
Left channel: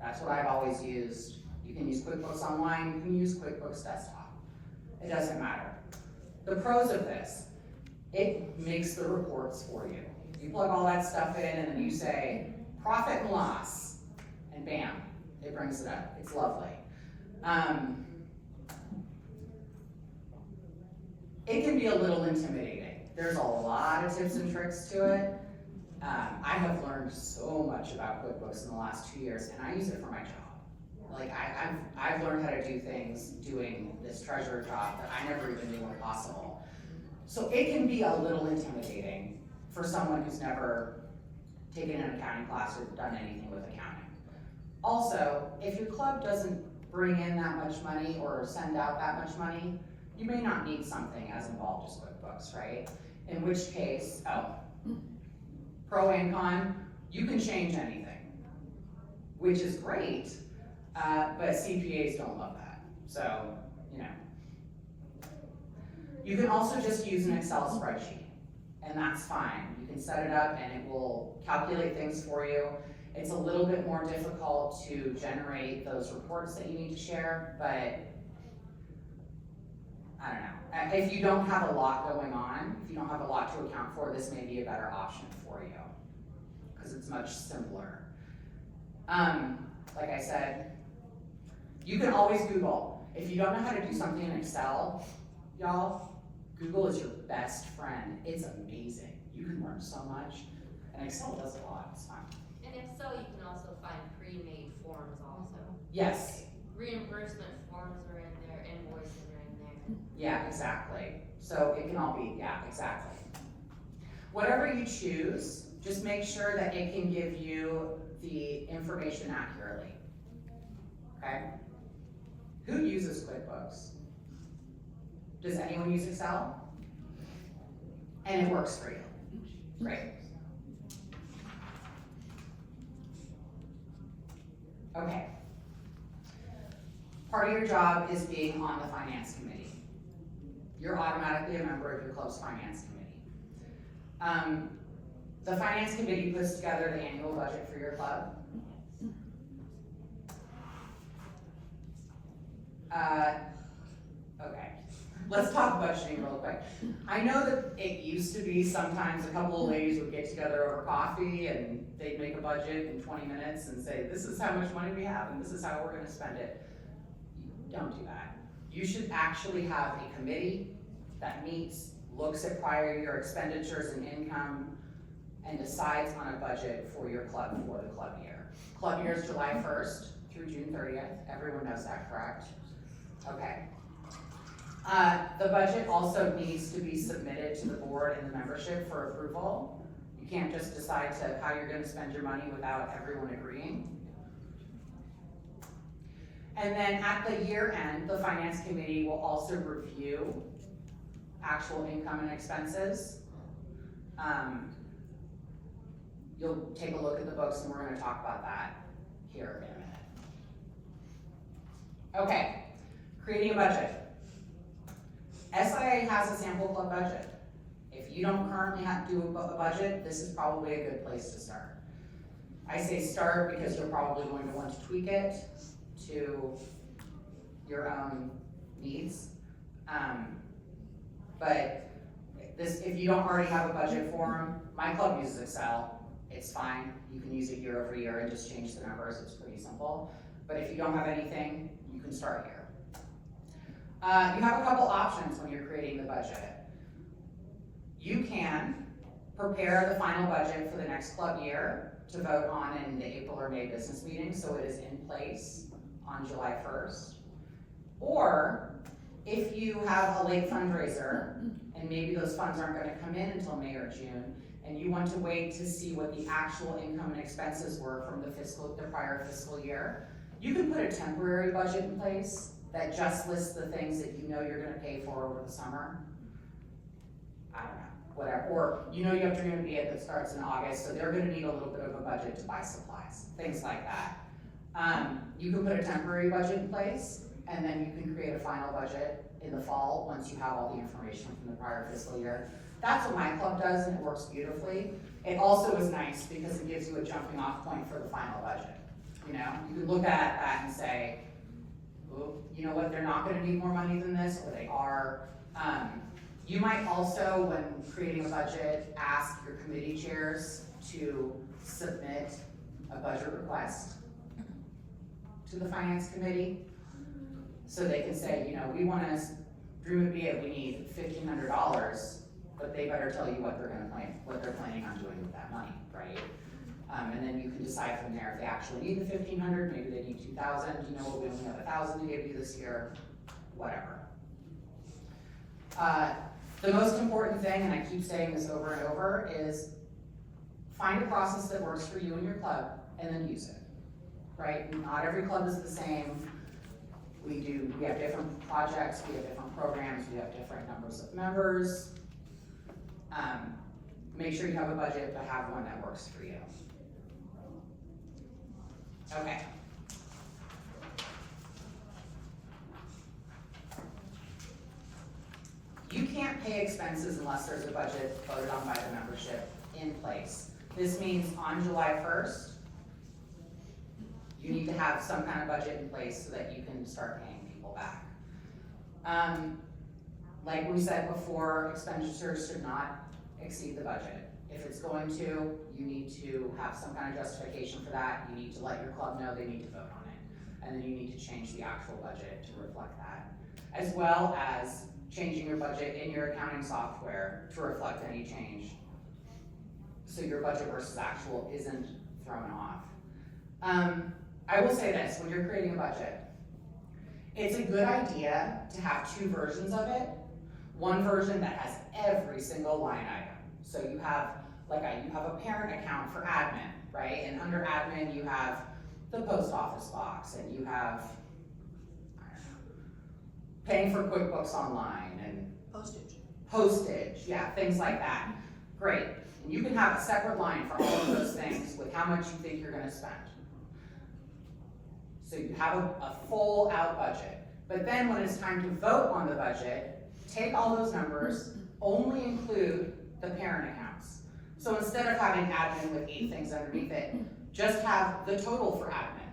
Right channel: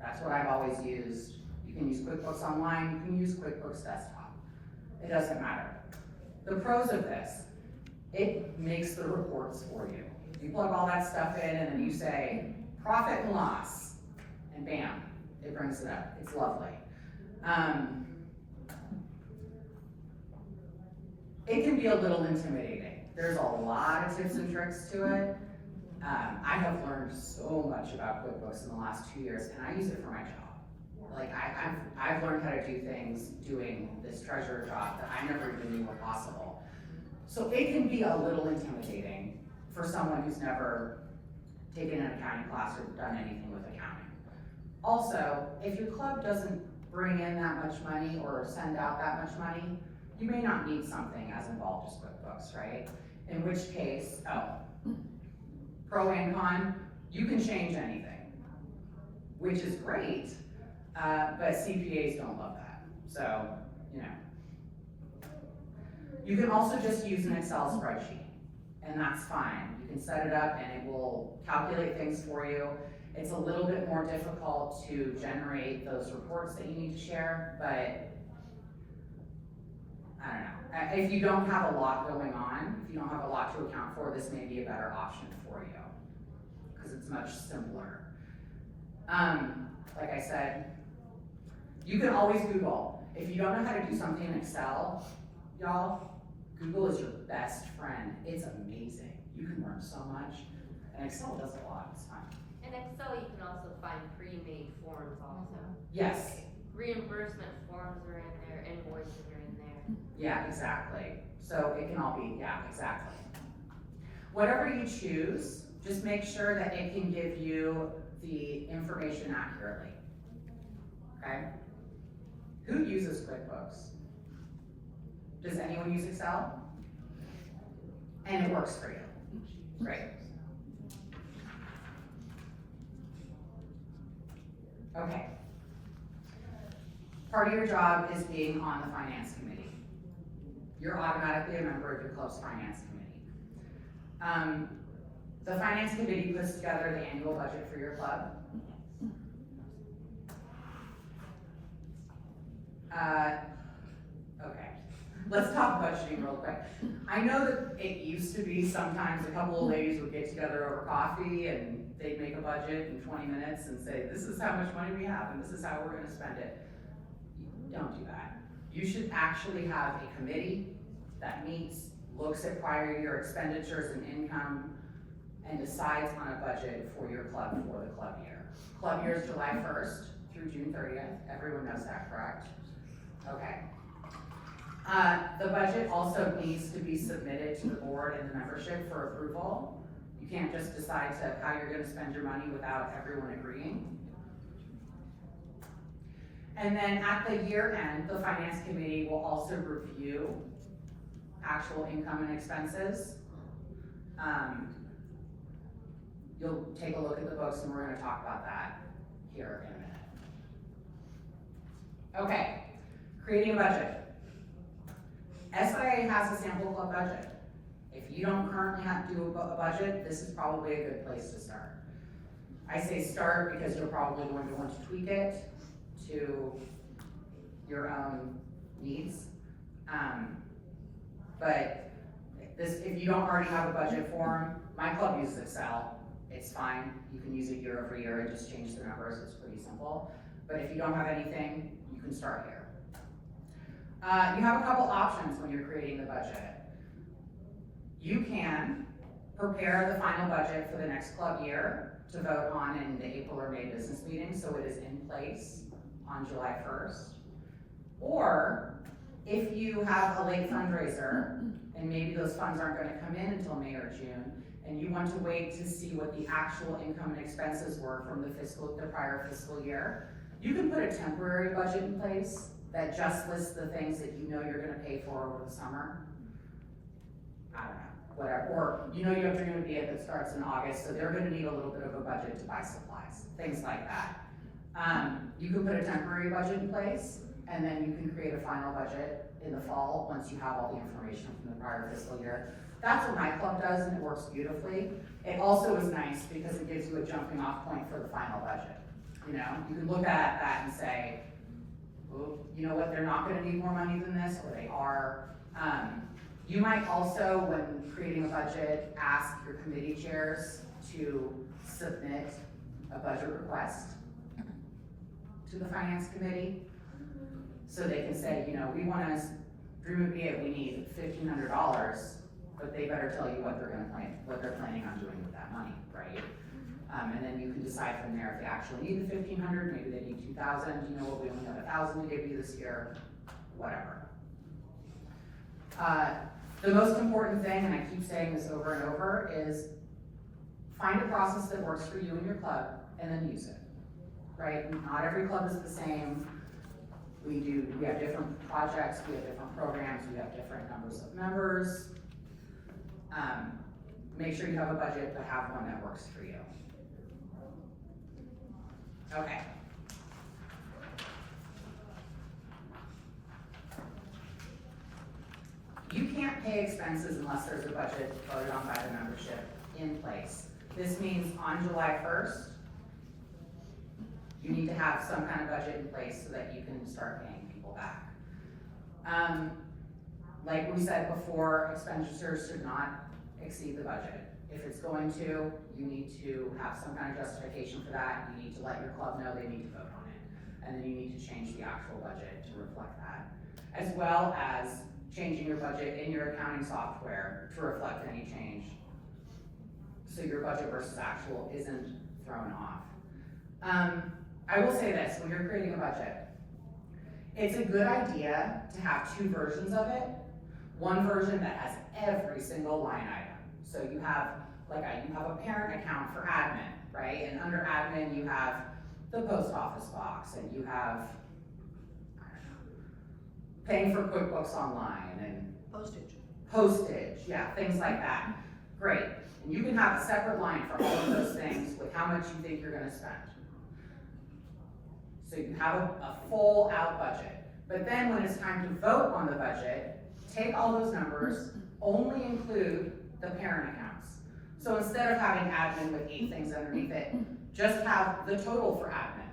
That's what I've always used. You can use QuickBooks Online, you can use QuickBooks Desktop. It doesn't matter. The pros of this, it makes the reports for you. You plug all that stuff in and then you say, profit and loss, and bam, it brings it up. It's lovely. It can be a little intimidating. There's a lot of tips and tricks to it. I have learned so much about QuickBooks in the last 2 years, and I use it for my job. Like, I've learned how to do things doing this treasurer job that I never even knew were possible. So it can be a little intimidating for someone who's never taken an accounting class or done anything with accounting. Also, if your club doesn't bring in that much money or send out that much money, you may not need something as involved as QuickBooks, right? In which case, pro and con, you can change anything, which is great, but CPAs don't love that. So, you know. You can also just use an Excel spreadsheet, and that's fine. You can set it up and it will calculate things for you. It's a little bit more difficult to generate those reports that you need to share, but I don't know. If you don't have a lot going on, if you don't have a lot to account for, this may be a better option for you, because it's much simpler. Like I said, you can always Google. If you don't know how to do something in Excel, y'all, Google is your best friend. It's amazing. You can learn so much. And Excel does a lot, it's fun. In Excel, you can also find pre-made forms also. Yes. Reimbursement forms are in there, invoices are in there. Yeah, exactly. So it can all be, yeah, exactly. Whatever you choose, just make sure that it can give you the information accurately, okay? Who uses QuickBooks? Does anyone use Excel? And it works for you, great. Okay. Part of your job is being on the finance committee. You're automatically a member of your club's finance committee. The finance committee puts together the annual budget for your club. Okay, let's talk budgeting real quick. I know that it used to be sometimes a couple of ladies would get together over coffee and they'd make a budget in 20 minutes and say, this is how much money we have and this is how we're gonna spend it. Don't do that. You should actually have a committee that meets, looks at prior year expenditures and income, and decides on a budget for your club for the club year. Club year is July 1st through June 30th. Everyone knows that, correct? Okay. The budget also needs to be submitted to the board and the membership for approval. You can't just decide how you're gonna spend your money without everyone agreeing. And then at the year end, the finance committee will also review actual income and expenses. You'll take a look at the books and we're gonna talk about that here in a minute. Okay, creating a budget. SIA has a sample club budget. If you don't currently do a budget, this is probably a good place to start. I say start because you're probably going to want to tweak it to your own needs. But if you don't already have a budget form, my club uses Excel. It's fine. You can use it year over year and just change the numbers. It's pretty simple. But if you don't have anything, you can start here. You have a couple options when you're creating the budget. You can prepare the final budget for the next club year to vote on in the April or May business meeting, so it is in place on July 1st. Or if you have a late fundraiser and maybe those funds aren't going to come in until May or June, and you want to wait to see what the actual income and expenses were from the prior fiscal year, you can put a temporary budget in place that just lists the things that you know you're going to pay for over the summer. I don't know, whatever. Or you know you have Dream of Be It that starts in August, so they're going to need a little bit of a budget to buy supplies, things like that. You can put a temporary budget in place, and then you can create a final budget in the fall once you have all the information from the prior fiscal year. That's what my club does, and it works beautifully. It also is nice because it gives you a jumping off point for the final budget. You know, you can look at that and say, oh, you know what, they're not gonna need more money than this, or they are. You might also, when creating a budget, ask your committee chairs to submit a budget request to the finance committee. So they can say, you know, we wanna, dream would be it, we need $1,500, but they better tell you what they're planning on doing with that money, right? And then you can decide from there if they actually need the 1,500, maybe they need 2,000, you know what, we only have 1,000 to give you this year, whatever. The most important thing, and I keep saying this over and over, is find a process that works for you and your club, and then use it, right? Not every club is the same. We have different projects, we have different programs, we have different numbers of members. Make sure you have a budget, but have one that works for you. Okay. You can't pay expenses unless there's a budget voted on by the membership in place. This means on July 1st, you need to have some kind of budget in place so that you can start paying people back. Like we said before, expenditures should not exceed the budget. If it's going to, you need to have some kind of justification for that. You need to let your club know they need to vote on it. And then you need to change the actual budget to reflect that. As well as changing your budget in your accounting software to reflect any change. So your budget versus actual isn't thrown off. I will say this, when you're creating a budget, it's a good idea to have two versions of it. One version that has every single line item. So you have a parent account for admin, right? And under admin, you have the post office box, and you have, I don't know, paying for QuickBooks Online and postage, yeah, things like that. Great. And you can have a separate line for all of those things with how much you think you're gonna spend. So you have a full out budget. But then when it's time to vote on the budget, take all those numbers, only include the parent accounts. So instead of having admin with 8 things underneath it, just have the total for admin.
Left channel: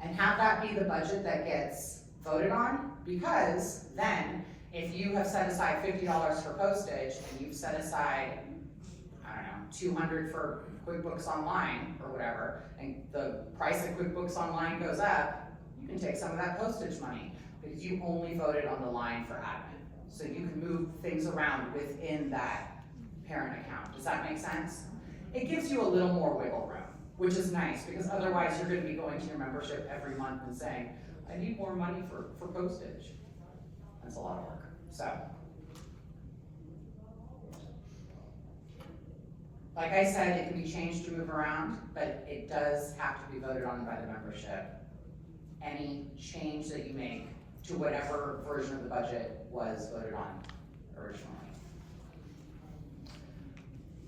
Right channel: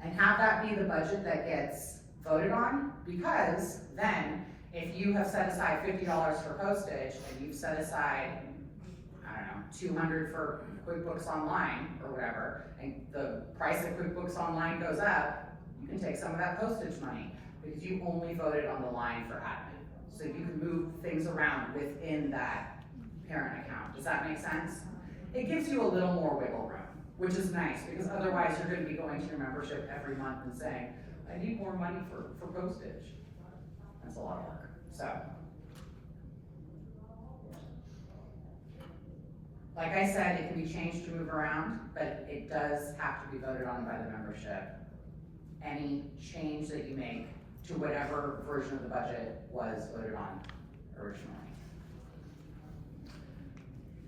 And have that be the budget that gets voted on, because then if you have set aside $50 for postage and you've set aside, I don't know, $200 for QuickBooks Online or whatever, and the price of QuickBooks Online goes up, you can take some of that postage money because you only voted on the line for admin. So you can move things around within that parent account. Does that make sense? It gives you a little more wiggle room, which is nice, because otherwise you're gonna be going to your membership every month and saying, I need more money for postage. That's a lot of work, so. Like I said, it can be changed to move around, but it does have to be voted on by the membership. Any change that you make to whatever version of the budget was voted on originally.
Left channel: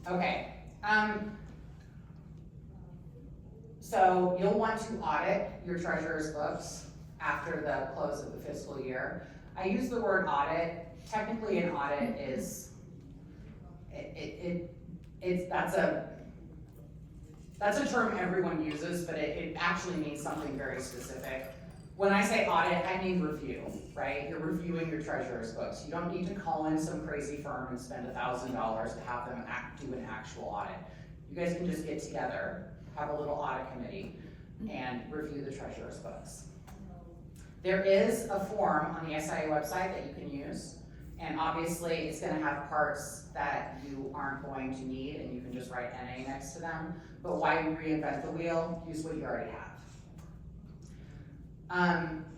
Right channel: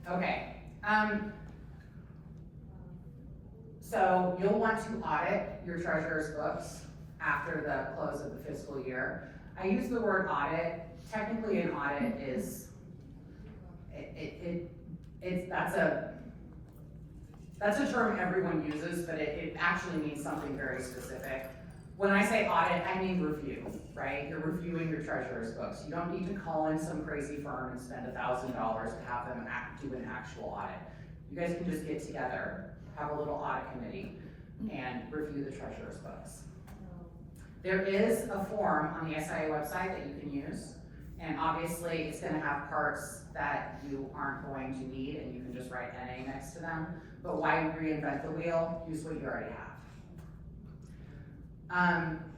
Okay, so you'll want to audit your treasurer's books after the close of the fiscal year. I use the word audit. Technically, an audit is, that's a term everyone uses, but it actually means something very specific. When I say audit, I mean review, right? You're reviewing your treasurer's books. You don't need to call in some crazy firm and spend $1,000 to have them do an actual audit. You guys can just get together, have a little audit committee, and review the treasurer's books. There is a form on the SIA website that you can use, and obviously it's gonna have parts that you aren't going to need, and you can just write NA next to them, but why reinvent the wheel? Use what you already have.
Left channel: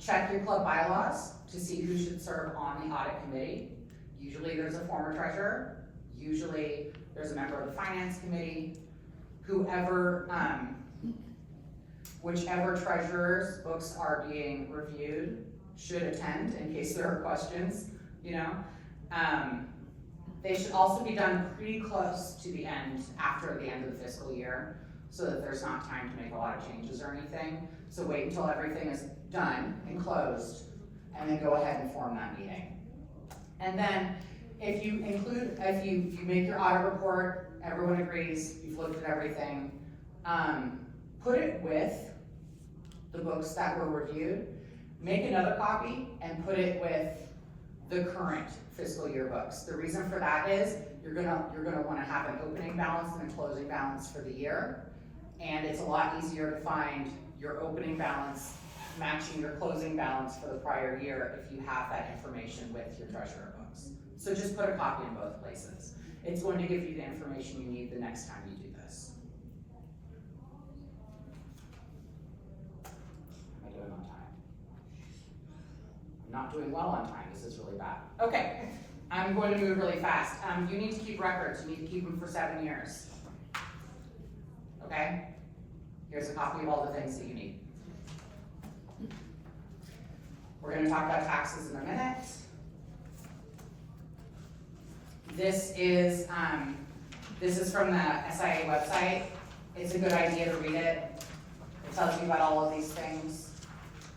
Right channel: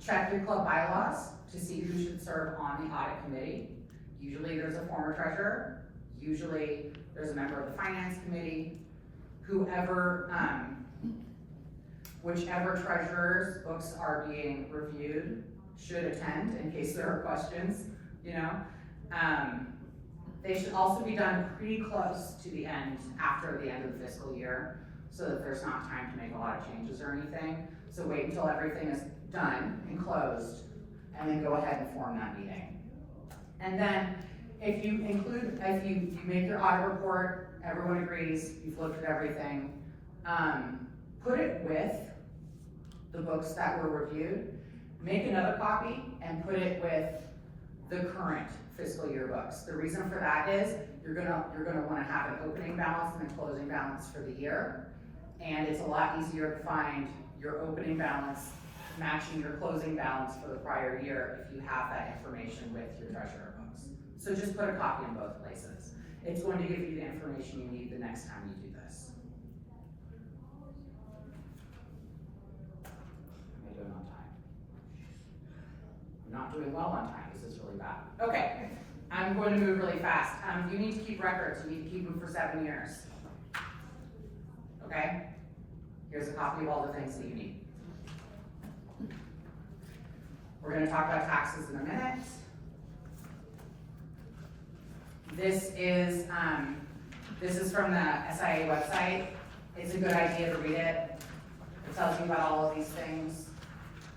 Check your club bylaws to see who should serve on the audit committee. Usually there's a former treasurer, usually there's a member of the finance committee, whichever treasurer's books are being reviewed should attend in case there are questions, you know. They should also be done pretty close to the end, after the end of the fiscal year, so that there's not time to make a lot of changes or anything. So wait until everything is done and closed, and then go ahead and form that meeting. And then if you make your audit report, everyone agrees, you've looked at everything, put it with the books that were reviewed, make another copy and put it with the current fiscal year books. The reason for that is you're gonna wanna have an opening balance and a closing balance for the year. And it's a lot easier to find your opening balance matching your closing balance for the prior year if you have that information with your treasurer books. So just put a copy in both places. It's going to give you the information you need the next time you do this. Am I doing on time? I'm not doing well on time, this is really bad. Okay, I'm going to move really fast. You need to keep records, you need to keep them for 7 years. Okay? Here's a copy of all the things that you need. We're gonna talk about taxes in a minute. This is from the SIA website. It's a good idea to read it. It tells you about all of these things.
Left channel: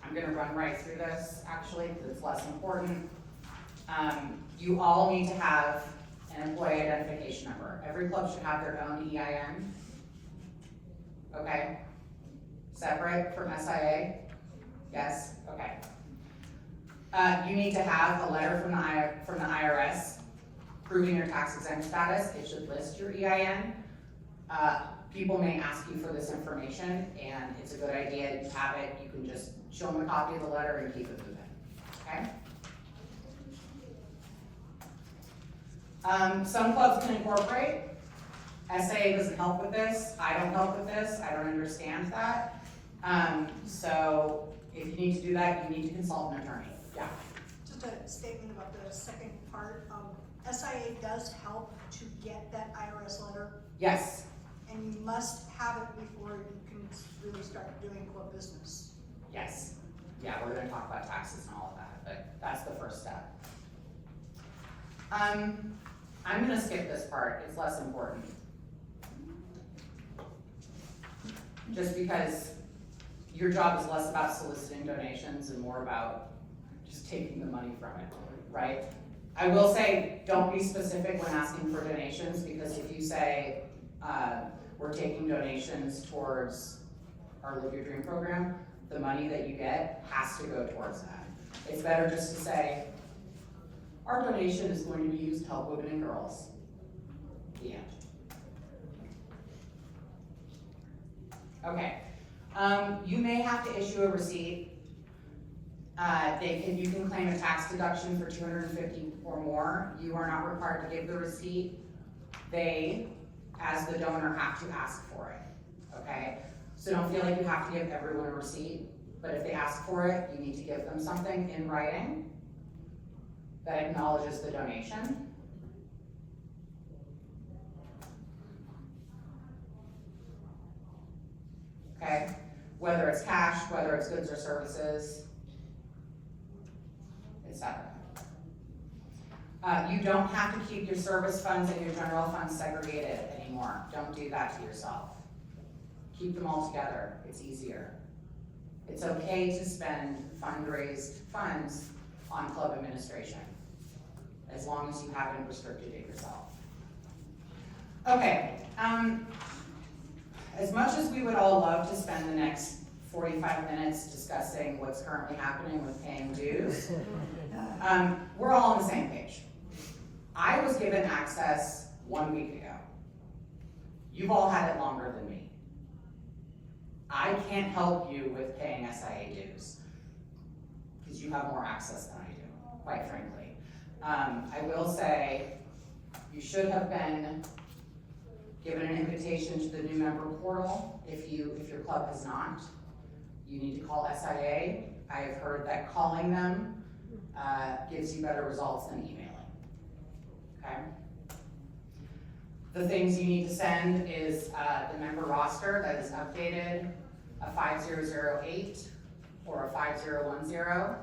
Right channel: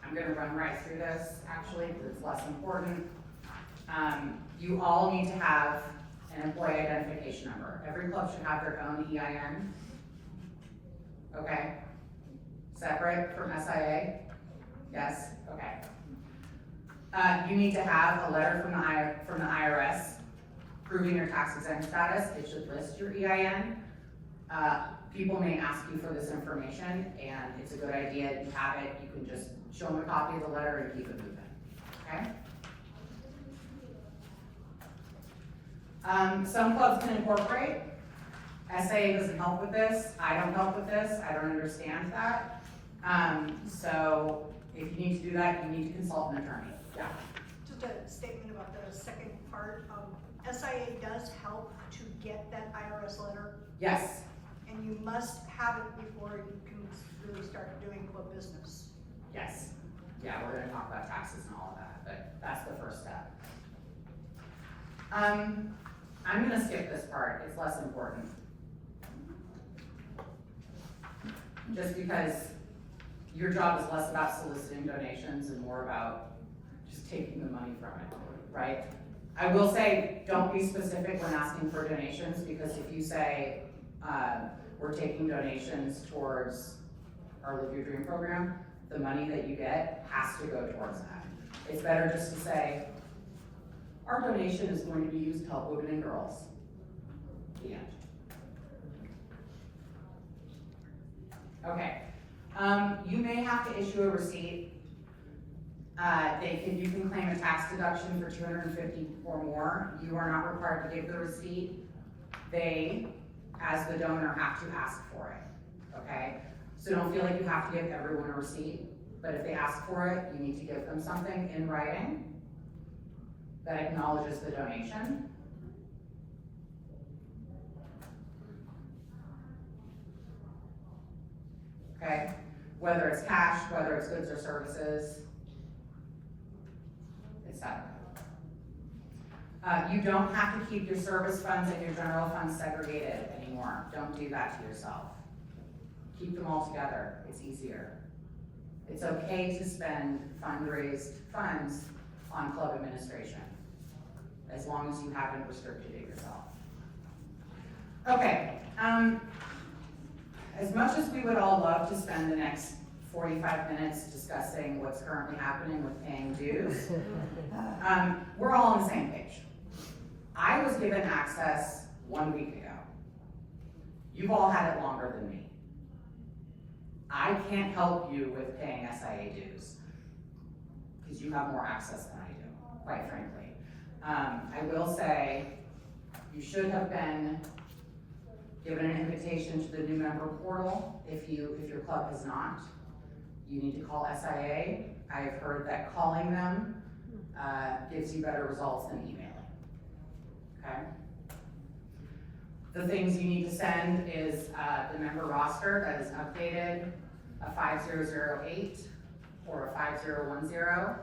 I'm gonna run right through this, actually, because it's less important. You all need to have an employee identification number. Every club should have their own EIN. Okay? Separate from SIA? Yes? Okay. You need to have a letter from the IRS proving your tax exempt status. It should list your EIN. People may ask you for this information, and it's a good idea you have it. You can just show them a copy of the letter and keep it moving. Okay? Some clubs can incorporate. SIA doesn't help with this. I don't help with this. I don't understand that. So if you need to do that, you need to consult an attorney. Yeah. Just a statement about the second part. SIA does help to get that IRS letter, Yes. and you must have it before you can really start doing club business. Yes. Yeah, we're gonna talk about taxes and all of that, but that's the first step. I'm gonna skip this part. It's less important. Just because your job is less about soliciting donations and more about just taking the money from it, right? I will say, don't be specific when asking for donations, because if you say, we're taking donations towards our Live Your Dream program, the money that you get has to go towards that. It's better just to say, our donation is going to be used to help women and girls. The end. Okay. You may have to issue a receipt. You can claim a tax deduction for $250 or more. You are not required to give the receipt. They, as the donor, have to ask for it, okay? So don't feel like you have to give everyone a receipt, but if they ask for it, you need to give them something in writing that acknowledges the donation. Okay? Whether it's cash, whether it's goods or services, etc. You don't have to keep your service funds and your general funds segregated anymore. Don't do that to yourself. Keep them all together. It's easier. It's okay to spend fundraised funds on club administration, as long as you haven't restricted it yourself. Okay. As much as we would all love to spend the next 45 minutes discussing what's currently happening with paying dues, we're all on the same page. I was given access 1 week ago. You've all had it longer than me. I can't help you with paying SIA dues, because you have more access than I do, quite frankly. I will say, you should have been given an invitation to the new member portal. If your club has not, you need to call SIA. I have heard that calling them gives you better results than emailing, okay? The things you need to send is the member roster that is updated, a 5008 or a 5010,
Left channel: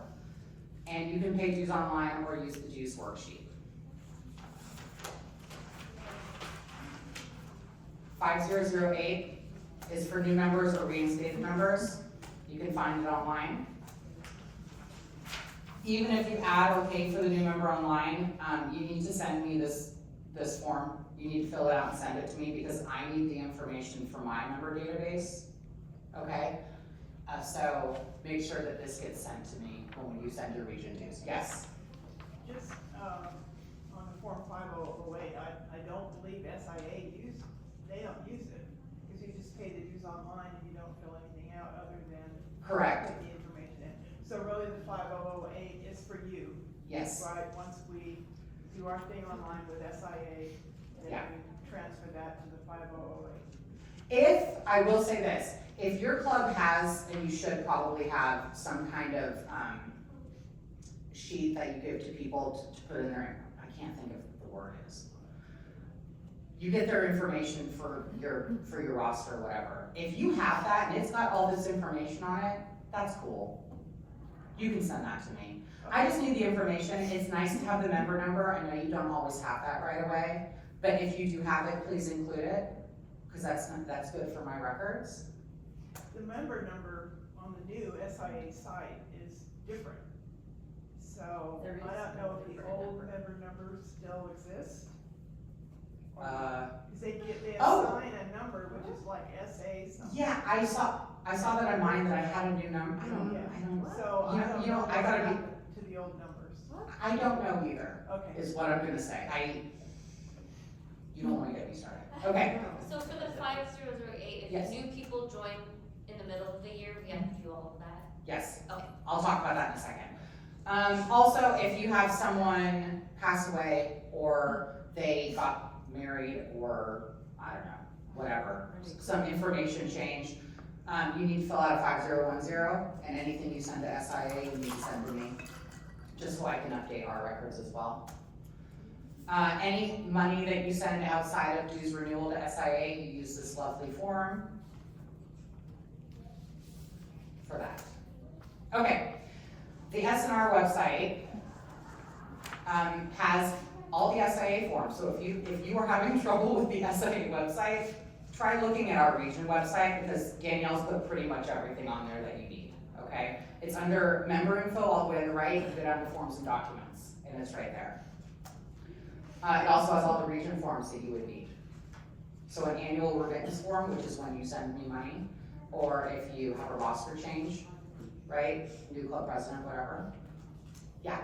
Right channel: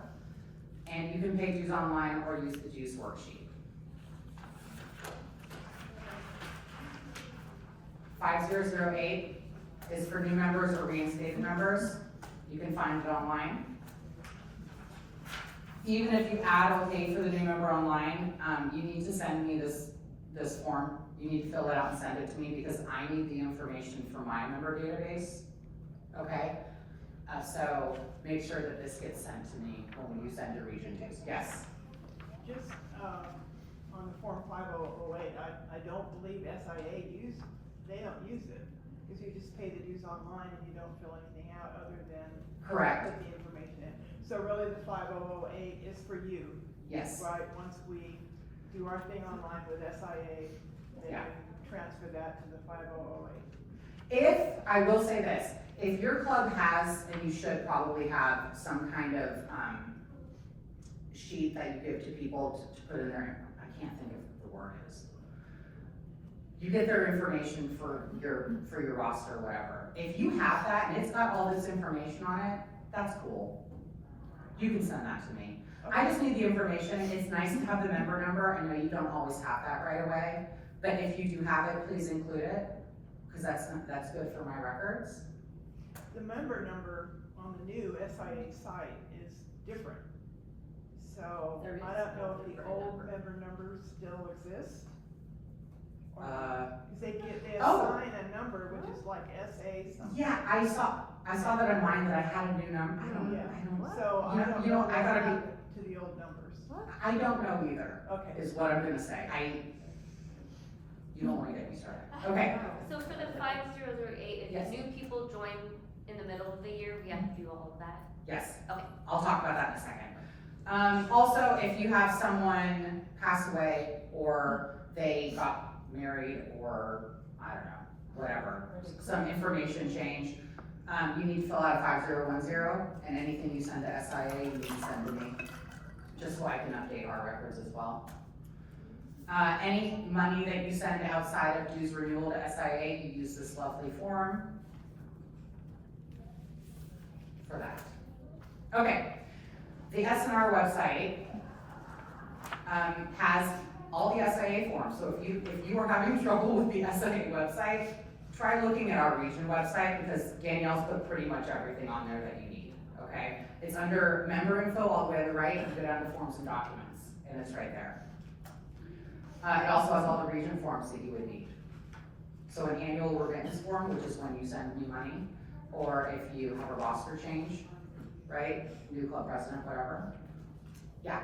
and you can pay dues online or use the dues worksheet. 5008 is for new members or reinstated members. You can find it online. Even if you add or pay for the new member online, you need to send me this form. You need to fill it out and send it to me, because I need the information for my member database, okay? So make sure that this gets sent to me when you send your region dues. Yes? just, on the Form 5008, I don't believe SIA they don't use it. Because you just pay the dues online and you don't fill anything out other than. Correct. Put the information in. So really the 5008 is for you. Yes. Right, once we do our thing online with SIA, then Yeah. we transfer that to the 5008. If, I will say this, if your club has, and you should probably have some kind of, sheet that you give to people to put in there, I can't think of what the word is. You get their information for your roster, or whatever. If you have that and it's got all this information on it, that's cool. You can send that to me. I just need the information. It's nice to have the member number. I know you don't always have that right away, but if you do have it, please include it, because that's good for my records. The member number on the new SIA site is different. So, There is I don't know if no the member old number. member numbers still exist. Uh, Because they Oh. assign a number, which is like SA something. Yeah, I saw that on mine, that I had a new number. I don't, So, You I know- don't you know, know I gotta what be- happened to the old numbers. I don't know either, Okay. is what I'm gonna say. You don't wanna get me started. Okay, So for the 5008, if Yes. new people join in the middle of the year, we have to do all of that? yes, Okay. I'll talk about that in a second. Also, if you have someone pass away, or they got married, or, I don't know, whatever, some information change, you need to fill out a 5010, and anything you send to SIA, you need to send to me, just so I can update our records as well. Any money that you send outside of dues renewal to SIA, you use this lovely form for that. Okay, the SNR website has all the SIA forms, so if you are having trouble with the SIA website, try looking at our region website, because Danielle's put pretty much everything on there that you need, okay? It's under member info all the way on the right, you go down to forms and documents, and it's right there. It also has all the region forms that you would need. So an annual remittance form, which is when you send me money, or if you have a roster change, right? New club president, whatever. Yeah,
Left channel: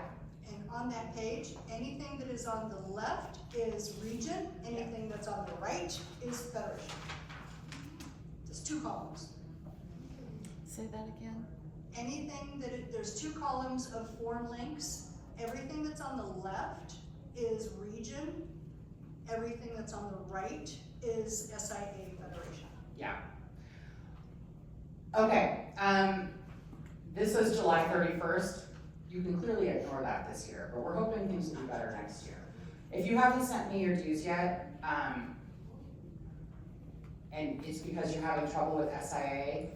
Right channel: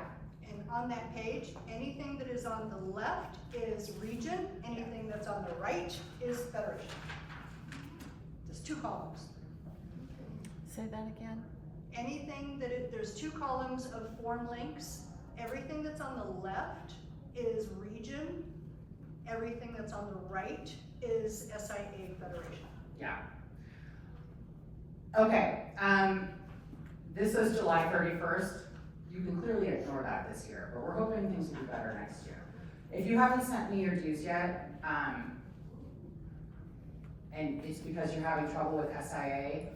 And on that page, anything that is on the left is region, anything that's on the right is federation. There's 2 columns. Say that again? Anything there's 2 columns of form links. Everything that's on the left is region. Everything that's on the right is SIA Federation. yeah. Okay, this is July 31st. You can clearly ignore that this year, but we're hoping things will be better next year. If you haven't sent me your dues yet, and it's because you're having trouble with SIA,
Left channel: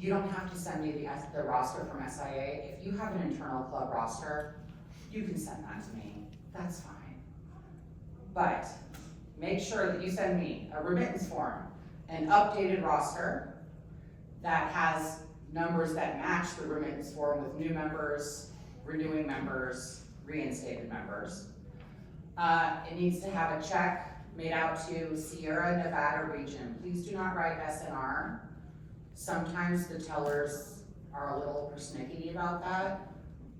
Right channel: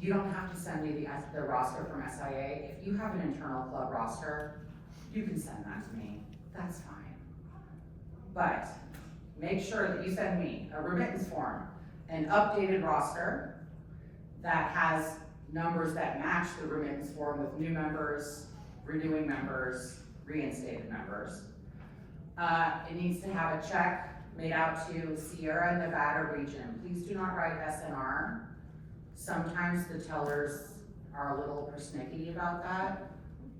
you don't have to send me the roster from SIA. If you have an internal club roster, you can send that to me, that's fine. But make sure that you send me a remittance form, an updated roster that has numbers that match the remittance form with new members, renewing members, reinstated members. It needs to have a check made out to Sierra Nevada region. Please do not write SNR. Sometimes the tellers are a little persnickety about that.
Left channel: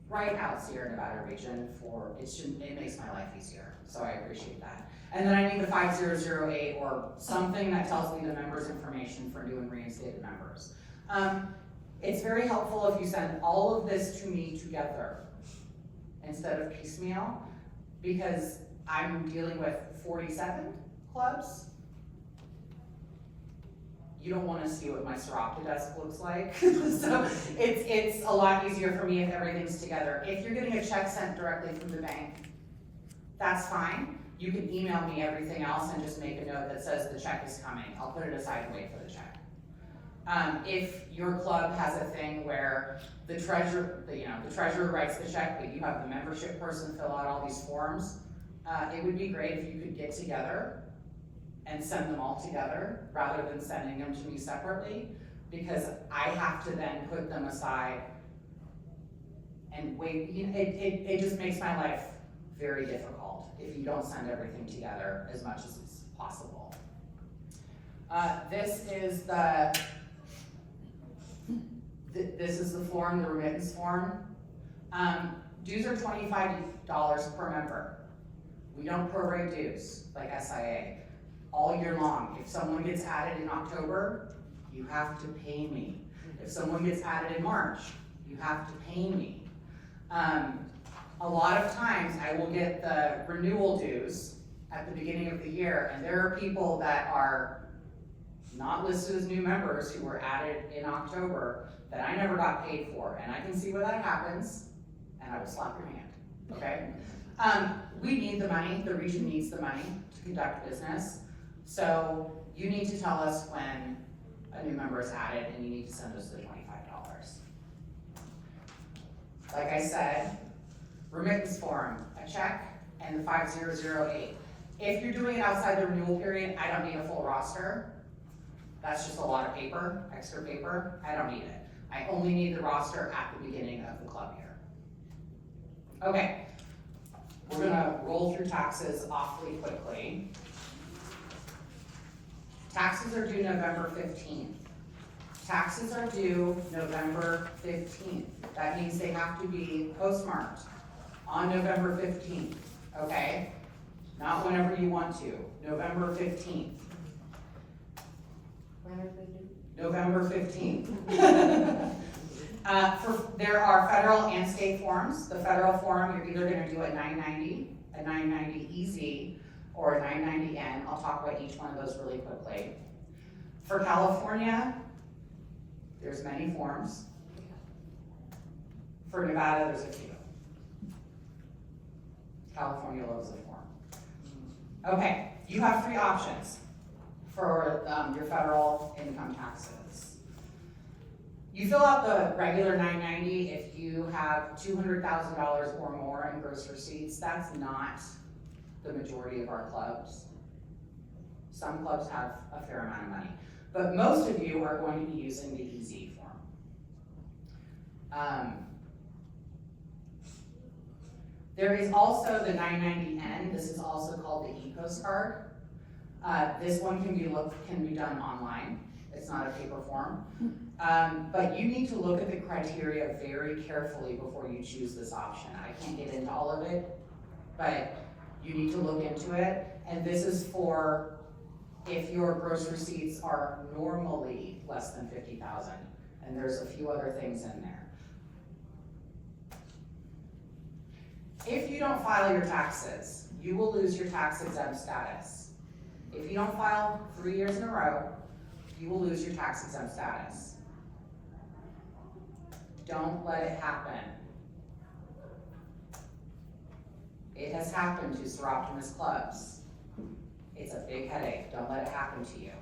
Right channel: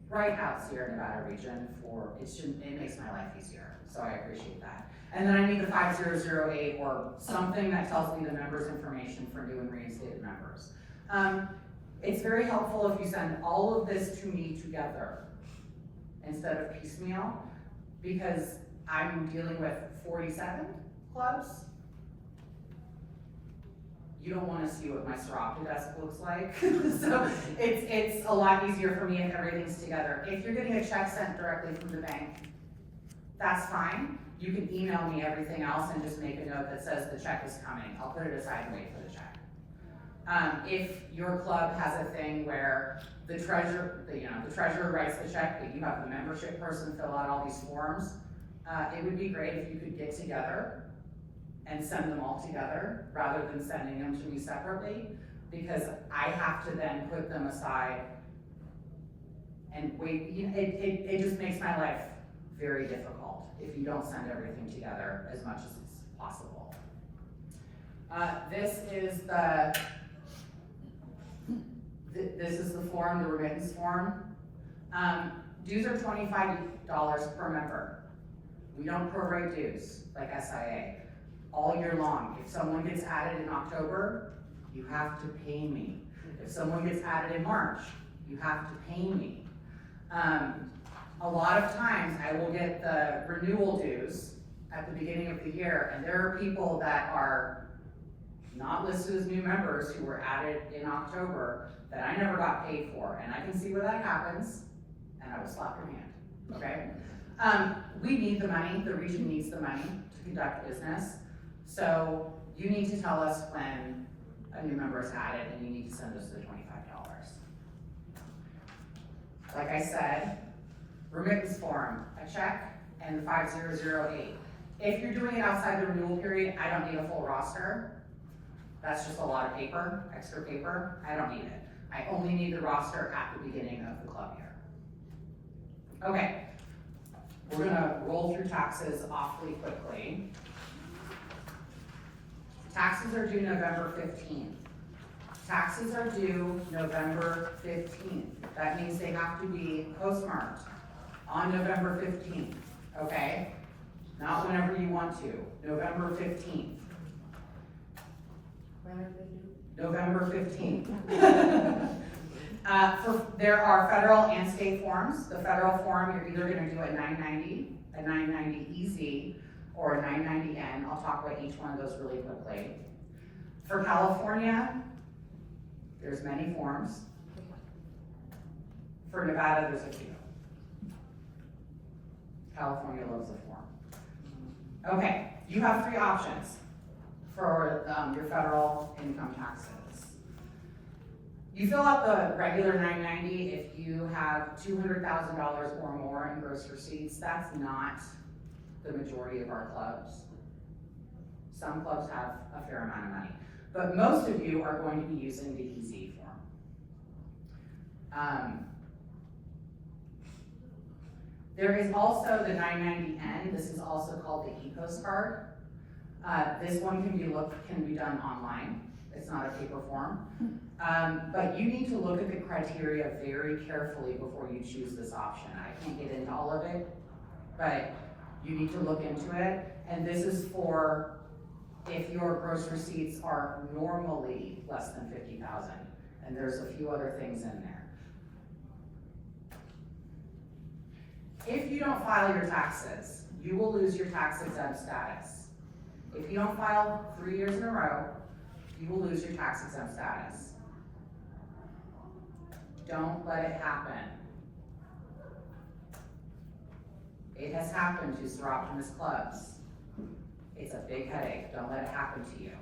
Write out Sierra Nevada region it makes my life easier, so I appreciate that. And then I need the 5008 or something that tells me the members' information for new and reinstated members. It's very helpful if you send all of this to me together instead of piecemeal, because I'm dealing with 47 clubs. You don't wanna see what my Soroptimist desk looks like. So it's a lot easier for me if everything's together. If you're getting a check sent directly from the bank, that's fine. You can email me everything else and just make a note that says the check is coming. I'll put it aside and wait for the check. If your club has a thing where the treasurer writes the check, but you have the membership person fill out all these forms, it would be great if you could get together and send them all together rather than sending them to me separately, because I have to then put them aside and wait. It just makes my life very difficult if you don't send everything together as much as it's possible. This is the form, the remittance form. Dues are $25 per member. We don't prorate dues like SIA. All year long. If someone gets added in October, you have to pay me. If someone gets added in March, you have to pay me. A lot of times I will get the renewal dues at the beginning of the year, and there are people that are not listed as new members who were added in October that I never got paid for, and I can see where that happens, and I will slap your hand, okay? We need the money, the region needs the money to conduct business, so you need to tell us when a new member is added, and you need to send us the $25. Like I said, remittance form, a check, and 5008. If you're doing it outside the renewal period, I don't need a full roster. That's just a lot of paper, extra paper, I don't need it. I only need the roster at the beginning of the club year. Okay, we're gonna roll through taxes awfully quickly. Taxes are due November 15th. Taxes are due November 15th. That means they have to be postmarked on November 15th, okay? Not whenever you want to, November 15th. When are they due? November 15th. There are federal and state forms. The federal form, you're either gonna do a 990, a 990 EZ, or a 990N. I'll talk about each one of those really quickly. For California, there's many forms. For Nevada, there's a few. California loves a form. Okay, you have three options for your federal income taxes. You fill out the regular 990 if you have $200,000 or more in gross receipts. That's not the majority of our clubs. Some clubs have a fair amount of money, but most of you are going to be using the EZ form. There is also the 990N. This is also called the e-postcard. This one can be done online. It's not a paper form. But you need to look at the criteria very carefully before you choose this option. I can't get into all of it, but you need to look into it. And this is for if your gross receipts are normally less than 50,000, and there's a few other things in there. If you don't file your taxes, you will lose your tax exempt status. If you don't file 3 years in a row, you will lose your tax exempt status. Don't let it happen. It has happened to Soroptimist clubs. It's a big headache. Don't let it happen to you.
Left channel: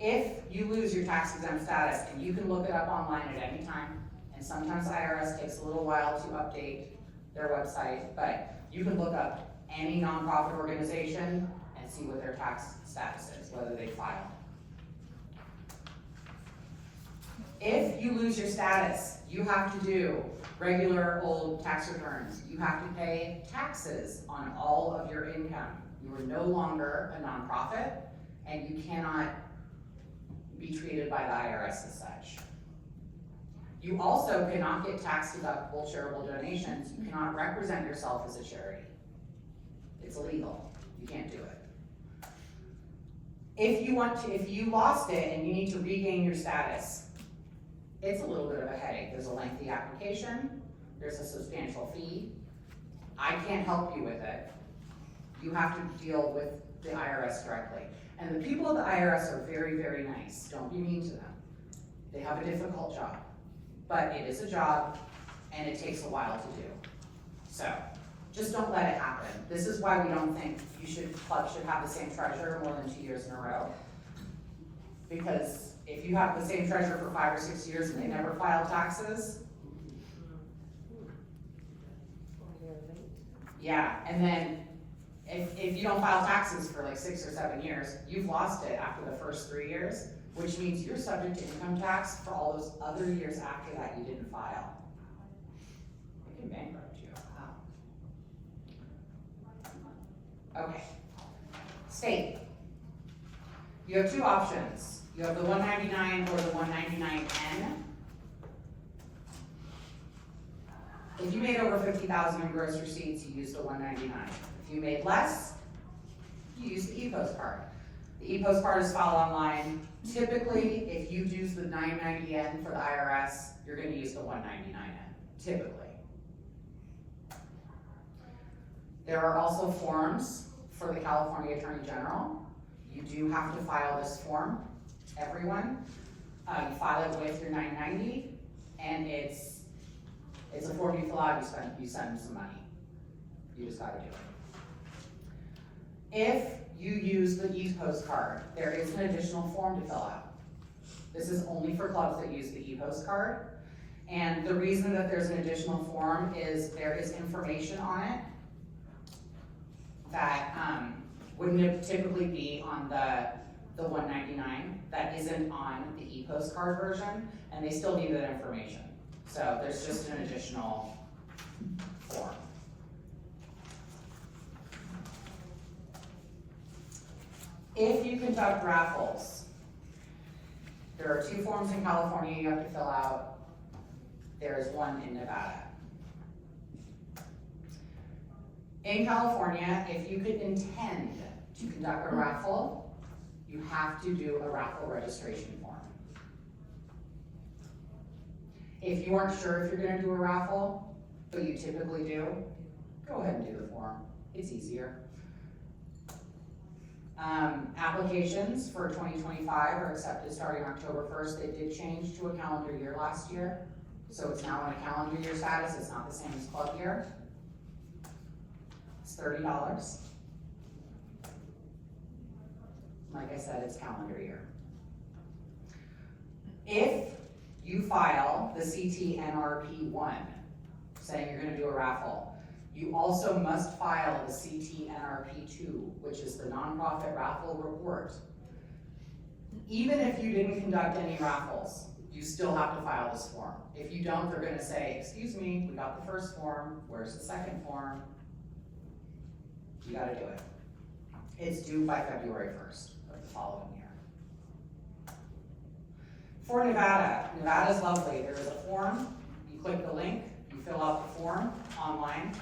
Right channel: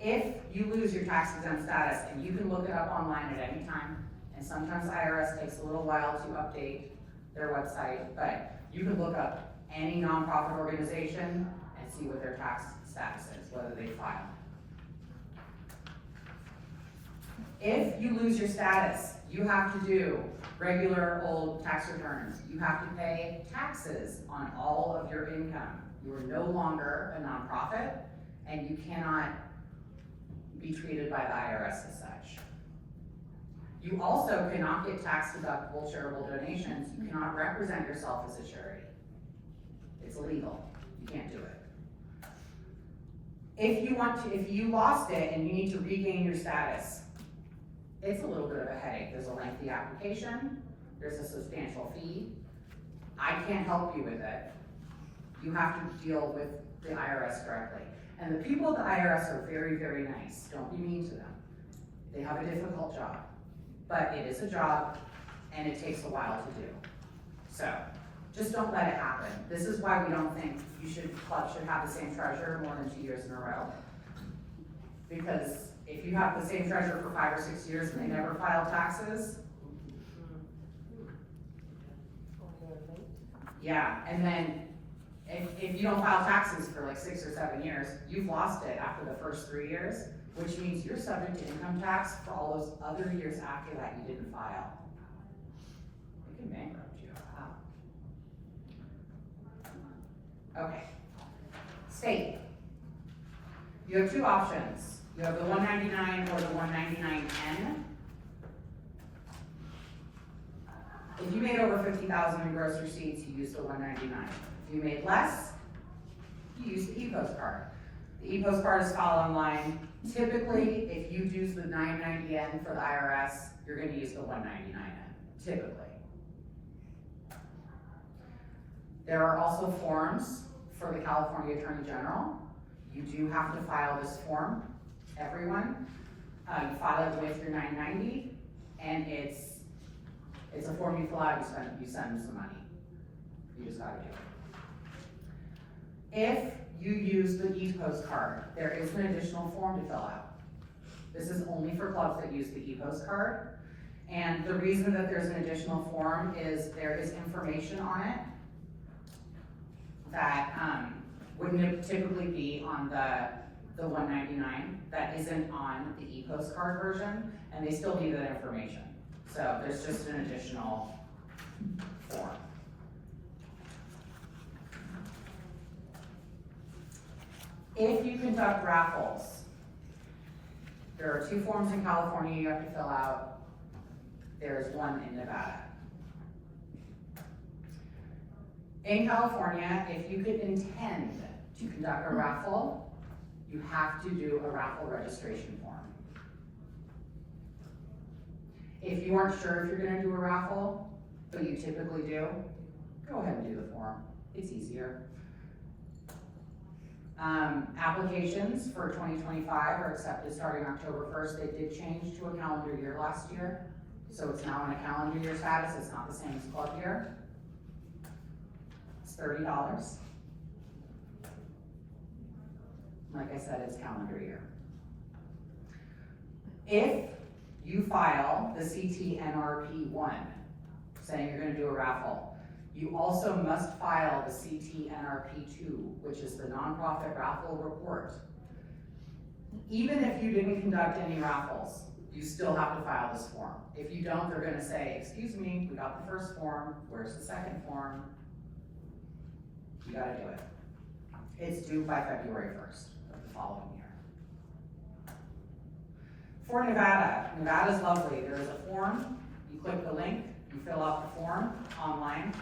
If you lose your tax exempt status, and you can look it up online at any time, and sometimes IRS takes a little while to update their website, but you can look up any nonprofit organization and see what their tax status is, whether they filed. If you lose your status, you have to do regular old tax returns. You have to pay taxes on all of your income. You are no longer a nonprofit, and you cannot be treated by the IRS as such. You also cannot get tax-deductible charitable donations. You cannot represent yourself as a charity. It's illegal. You can't do it. If you lost it and you need to regain your status, it's a little bit of a headache. There's a lengthy application. There's a substantial fee. I can't help you with it. You have to deal with the IRS directly. And the people at the IRS are very, very nice. Don't be mean to them. They have a difficult job. But it is a job, and it takes a while to do. So, just don't let it happen. This is why we don't think clubs should have the same treasurer more than 2 years in a row. Because if you have the same treasurer for 5 or 6 years and they never file taxes, yeah, and then if you don't file taxes for like 6 or 7 years, you've lost it after the first 3 years, which means you're subject to income tax for all those other years after that you didn't file. It can bankrupt you. Wow. Okay. State. You have two options. You have the 199 or the 199N. If you made over 50,000 in gross receipts, you used the 199. If you made less, you use the e-postcard. The e-postcard is filed online. Typically, if you use the 990N for the IRS, you're gonna use the 199N, typically. There are also forms for the California Attorney General. You do have to file this form, everyone. You file it with your 990, and it's a form you fill out, you send them some money. You just gotta do it. If you use the e-postcard, there is an additional form to fill out. This is only for clubs that use the e-postcard. And the reason that there's an additional form is there is information on it that wouldn't typically be on the 199, that isn't on the e-postcard version, and they still need that information. So there's just an additional form. If you conduct raffles, there are 2 forms in California you have to fill out. There's 1 in Nevada. In California, if you could intend to conduct a raffle, you have to do a raffle registration form. If you aren't sure if you're gonna do a raffle, but you typically do, go ahead and do the form. It's easier. Applications for 2025 are accepted starting October 1st. They did change to a calendar year last year, so it's now in a calendar year status. It's not the same as club year. It's $30. Like I said, it's calendar year. If you file the CTNRP1, saying you're gonna do a raffle, you also must file the CTNRP2, which is the nonprofit raffle report. Even if you didn't conduct any raffles, you still have to file this form. If you don't, they're gonna say, excuse me, we got the first form, where's the second form? You gotta do it. It's due by February 1st of the following year. For Nevada, Nevada's lovely. There is a form, you click the link, you fill out the form online,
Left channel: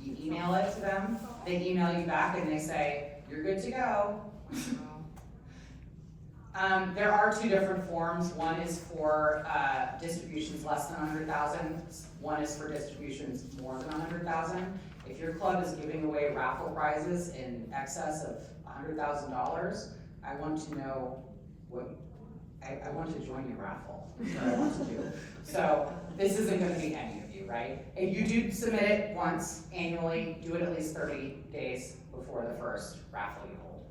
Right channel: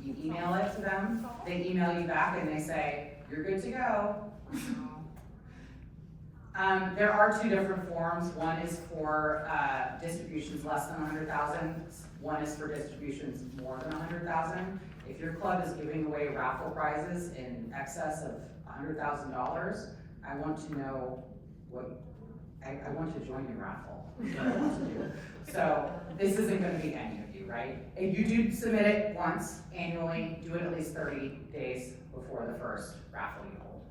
you email it to them, they email you back and they say, you're good to go. There are 2 different forms. One is for distributions less than 100,000. One is for distributions more than 100,000. If your club is giving away raffle prizes in excess of $100,000, I want to know what, I want to join your raffle. That's what I want to do. So this isn't gonna be any of you, right? If you do submit it once annually, do it at least 30 days before the first raffle you hold.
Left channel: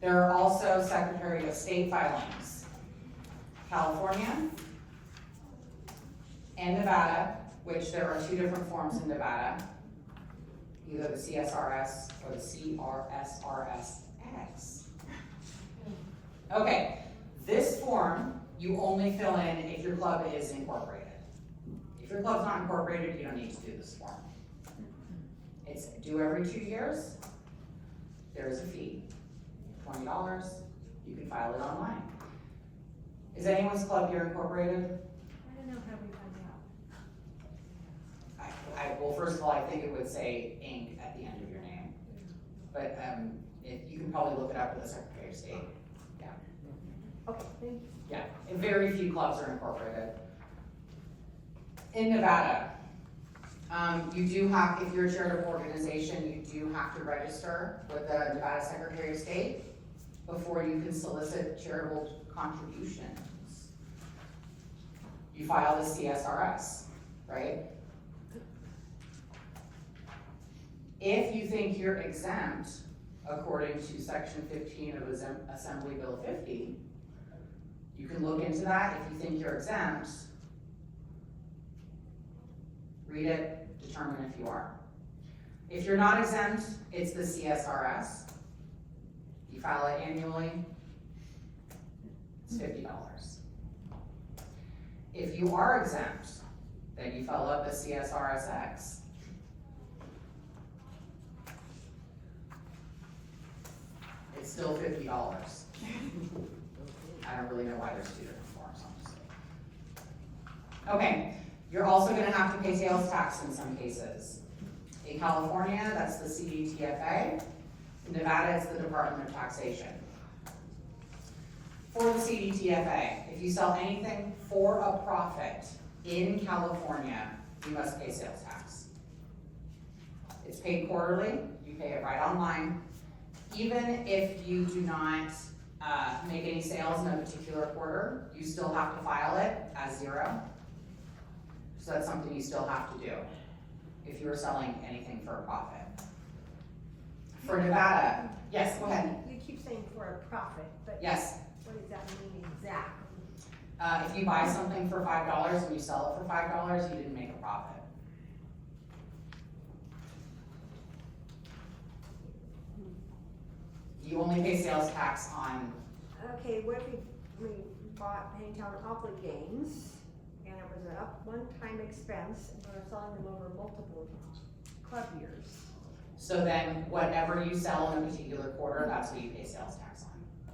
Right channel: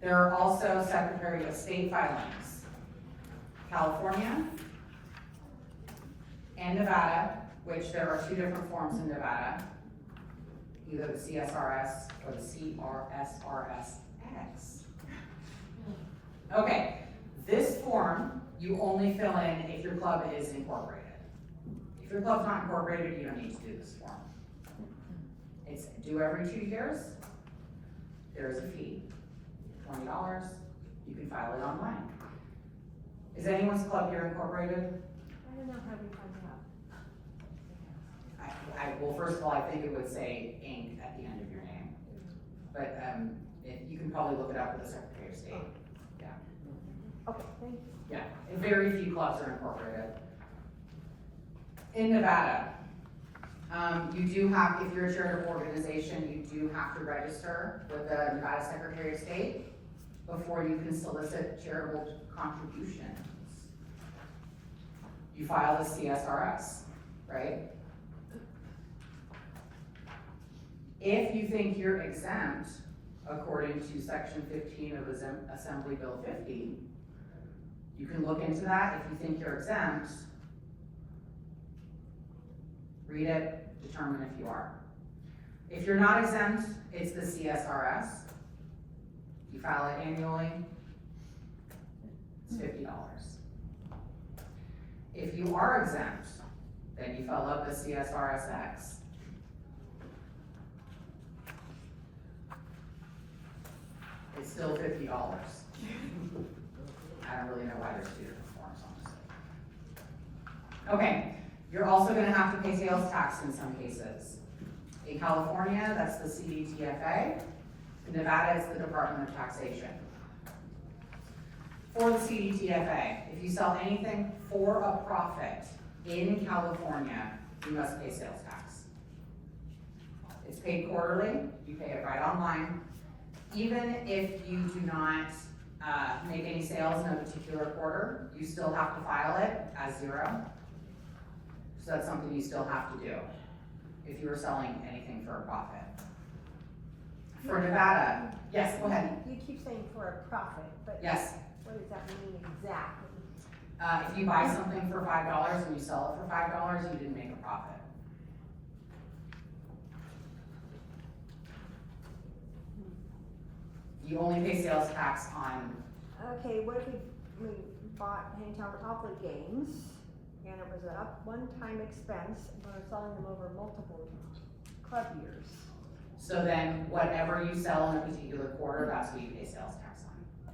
There are also Secretary of State filings. California and Nevada, which there are 2 different forms in Nevada, either the CSRS or the CRSRSX. Okay, this form you only fill in if your club is incorporated. If your club's not incorporated, you don't need to do this form. It's due every 2 years. There is a fee, $20. You can file it online. Is anyone's club here incorporated? I don't know how we find out. Well, first of all, I think it would say Inc. at the end of your name. But you can probably look it up with the Secretary of State. Yeah. Okay, thank you. Yeah, and very few clubs are incorporated. In Nevada, you do have, if you're a charitable organization, you do have to register with the Nevada Secretary of State before you can solicit charitable contributions. You file the CSRS, right? If you think you're exempt, according to Section 15 of Assembly Bill 50, you can look into that. If you think you're exempt, read it, determine if you are. If you're not exempt, it's the CSRS. You file it annually, it's $50. If you are exempt, then you fill out the CSRSX. It's still $50. I don't really know why there's 2 different forms, honestly. Okay, you're also gonna have to pay sales tax in some cases. In California, that's the CDTFA. In Nevada, it's the Department of Taxation. For the CDTFA, if you sell anything for a profit in California, you must pay sales tax. It's paid quarterly, you pay it right online. Even if you do not make any sales in a particular quarter, you still have to file it as zero. So that's something you still have to do if you're selling anything for a profit. For Nevada, yes, go ahead. You keep saying for a profit, but Yes, what does that mean exactly? if you buy something for $5 and you sell it for $5, you didn't make a profit. You only pay sales tax on, Okay, what if we bought Hangtown Monopoly games, and it was a one-time expense, and we're selling them over multiple club years? so then whatever you sell in a particular quarter, that's what you pay sales tax on.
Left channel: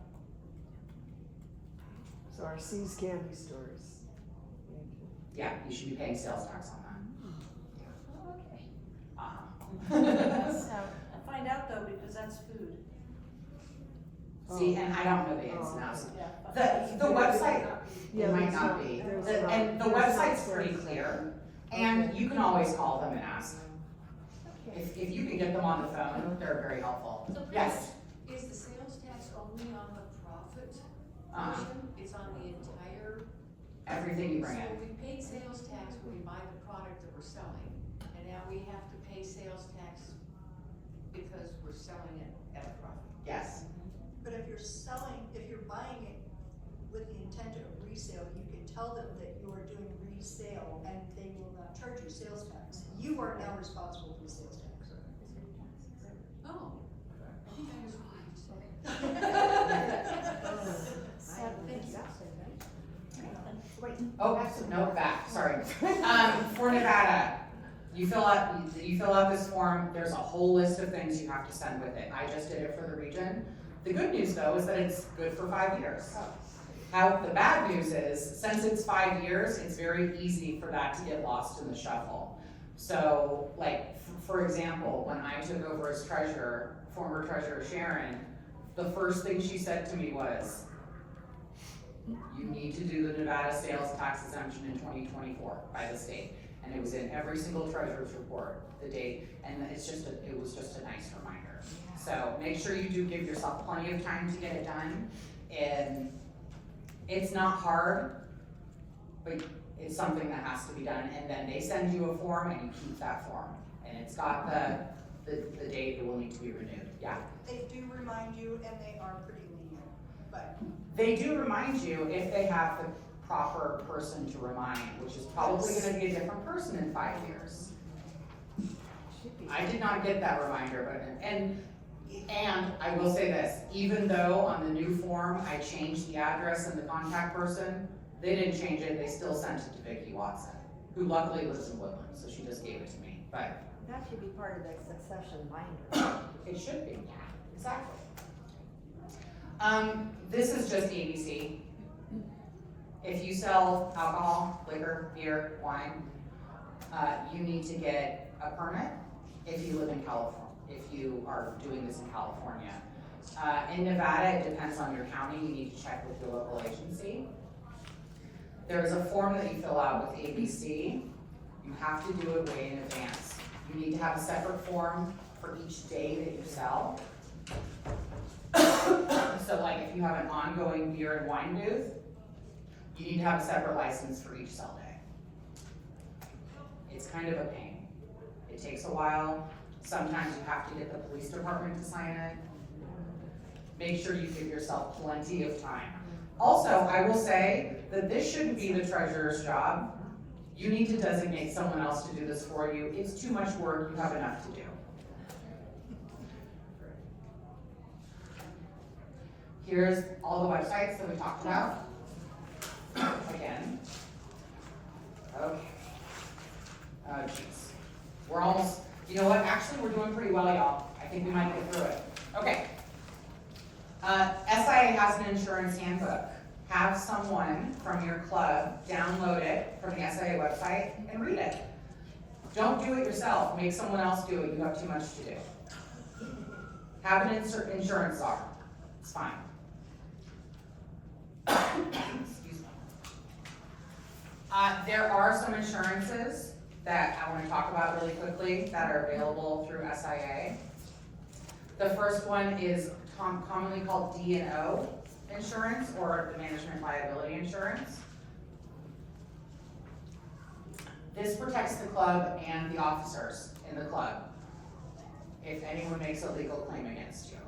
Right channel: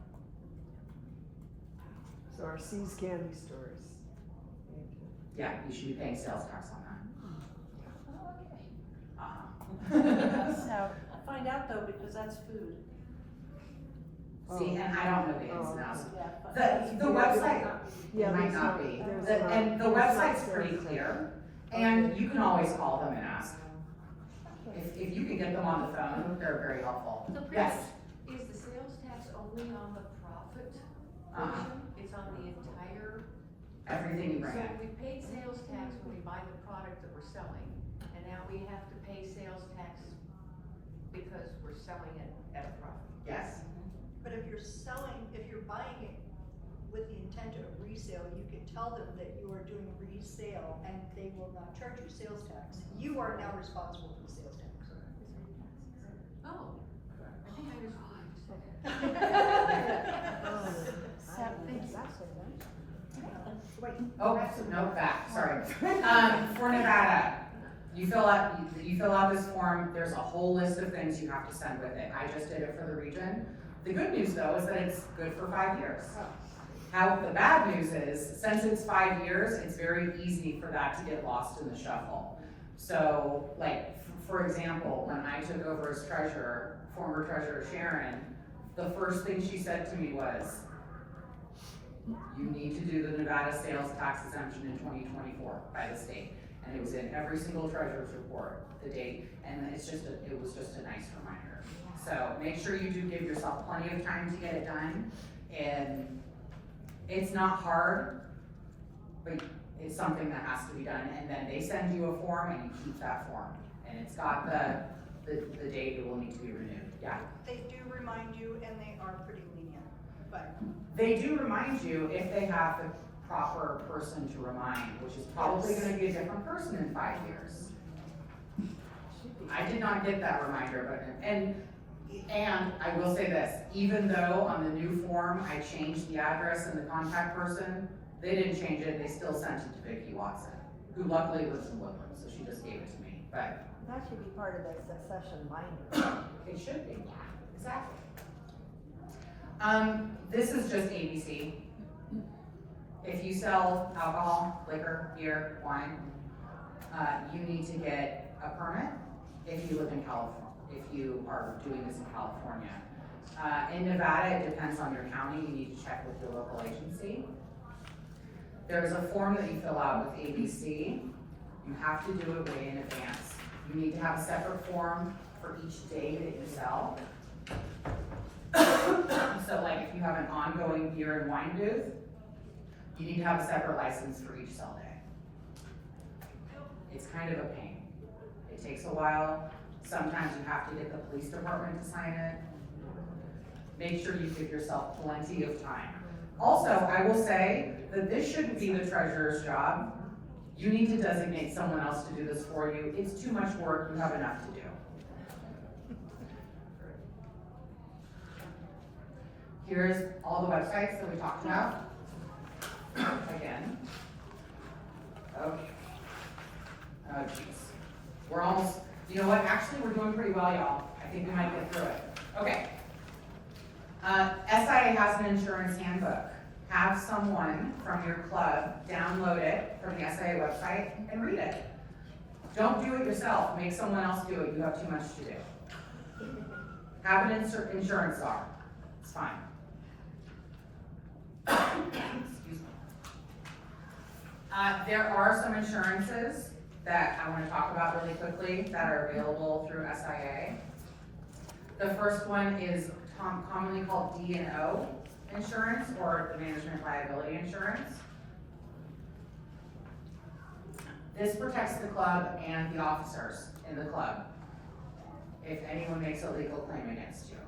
So our C's Candy Stores. Yeah, you should be paying sales tax on Oh, okay. that. Uh-huh. So, I'll find out though, because that's food. See, and I don't know the ins and outs. Yeah. The website, Yeah, it might there's not be, there's The- not- and the there's not website's pretty sales clear, tax. and Okay. you can always call them and ask. Okay. If you can get them on the phone, they're very helpful. So Yes, is the sales tax only on the profit Uh-huh. portion? It's on the entire? everything you bring So in. we paid sales tax when we buy the product that we're selling, and now we have to pay sales tax because we're selling it at a profit. Yes, But if you're buying it with the intent of resale, you can tell them that you are doing resale and they will not charge you sales tax. You are now responsible for the sales tax. Oh, I think I understand. Wait. oh, no, back, sorry. For Nevada, you fill out this form, there's a whole list of things you have to send with it. I just did it for the region. The good news though is that it's good for 5 years. How the bad news is, since it's 5 years, it's very easy for that to get lost in the shuffle. So, like, for example, when I took over as treasurer, former treasurer Sharon, the first thing she said to me was, you need to do the Nevada sales tax exemption in 2024 by the state. And it was in every single treasurer's report, the date, and it was just a nice reminder. So make sure you do give yourself plenty of time to get it done. And it's not hard, but it's something that has to be done. And then they send you a form and you keep that form. And it's got the date it will need to be renewed, yeah. They do remind you and they are pretty lenient, but They do remind you if they have the proper person to remind, which is probably gonna be a different person in 5 years. Should be. I did not get that reminder, but, and I will say this, even though on the new form, I changed the address and the contact person, they didn't change it, they still sent it to Vicki Watson, who luckily lives in Woodland, so she just gave it to me, but That should be part of the succession binder. it should be, exactly. This is just ABC. If you sell alcohol, liquor, beer, wine, you need to get a permit if you live in California, if you are doing this in California. In Nevada, it depends on your county, you need to check with your local agency. There's a form that you fill out with ABC. You have to do it way in advance. You need to have a separate form for each day that you sell. So like if you have an ongoing beer and wine booth, you need to have a separate license for each sell day. It's kind of a pain. It takes a while. Sometimes you have to get the police department to sign it. Make sure you give yourself plenty of time. Also, I will say that this shouldn't be the treasurer's job. You need to designate someone else to do this for you. It's too much work, you have enough to do. Here's all the websites that we talked about. Again. Okay. Oh jeez. We're almost, you know what, actually we're doing pretty well, y'all. I think we might get through it. Okay. SIA has an insurance handbook. Have someone from from your club, download it from the SIA website, and read it. Don't do it yourself, make someone else do it, you have too much to do. Have an insurance czar, it's fine. Excuse me. There are some insurances that I wanna talk about really quickly that are available through SIA. The first one is commonly called D&O insurance, or the management liability insurance. This protects the club and the officers in the club if anyone makes a legal claim against you.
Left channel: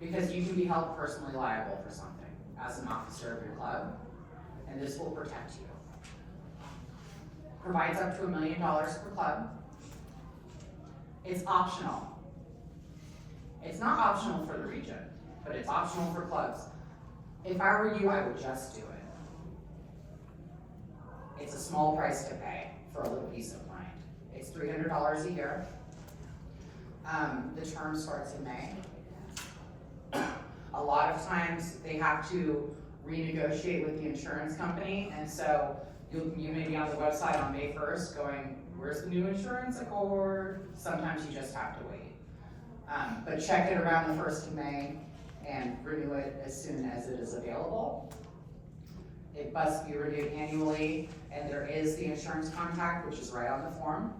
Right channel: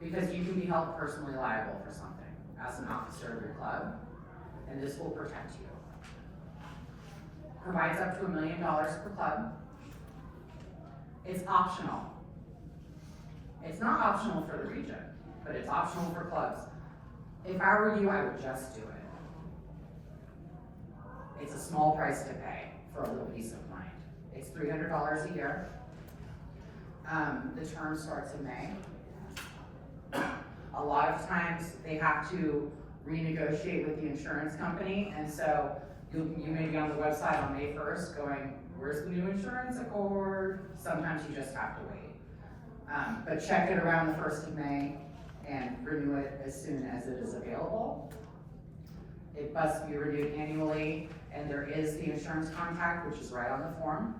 Because you can be held personally liable for something as an officer of your club, and this will protect you. Provides up to $1 million per club. It's optional. It's not optional for the region, but it's optional for clubs. If I were you, I would just do it. It's a small price to pay for a little peace of mind. It's $300 a year. The term starts in May. A lot of times they have to renegotiate with the insurance company, and so you may be on the website on May 1st going, where's the new insurance accord? Sometimes you just have to wait. But check it around the 1st of May and renew it as soon as it is available. It must be renewed annually, and there is the insurance contact, which is right on the form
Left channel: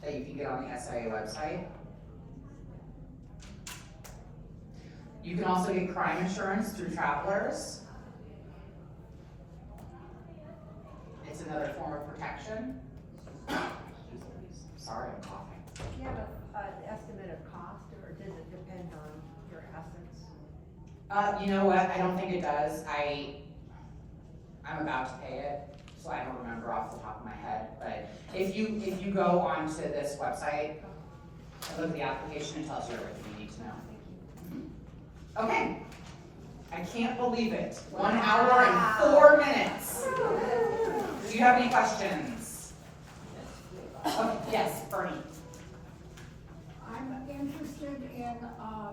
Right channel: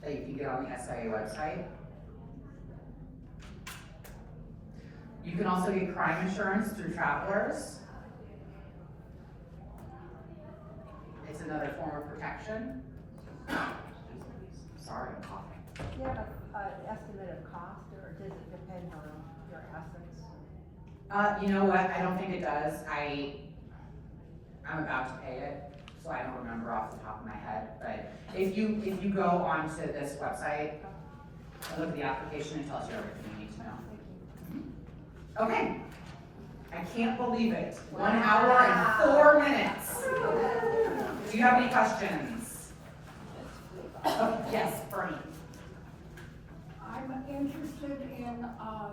that you can get on the SIA website. You can also get crime insurance through Travelers. It's another form of protection. Sorry, I'm coughing. Do you have an estimate of cost, or does it depend on your assets? You know what, I don't think it does. I'm about to pay it, so I don't remember off the top of my head, but if you go onto this website and look at the application, it tells you everything you need to know. Okay, I can't believe it. 1 hour and 4 minutes. Do you have any questions? Oh, yes, Bernie. I'm interested in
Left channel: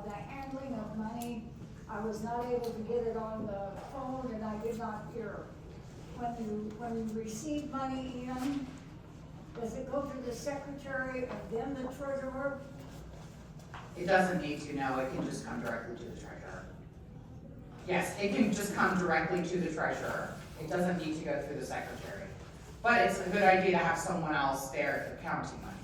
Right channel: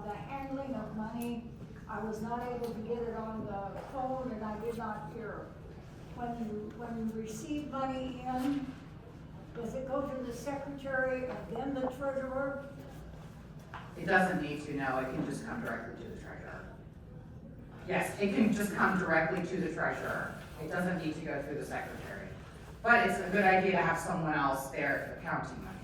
the handling of money. I was not able to get it on the phone, and I did not hear. When you receive money in, does it go to the secretary and then the treasurer? It doesn't need to, no, it can just come directly to the treasurer. Yes, it can just come directly to the treasurer. It doesn't need to go through the secretary. But it's a good idea to have someone else there counting money.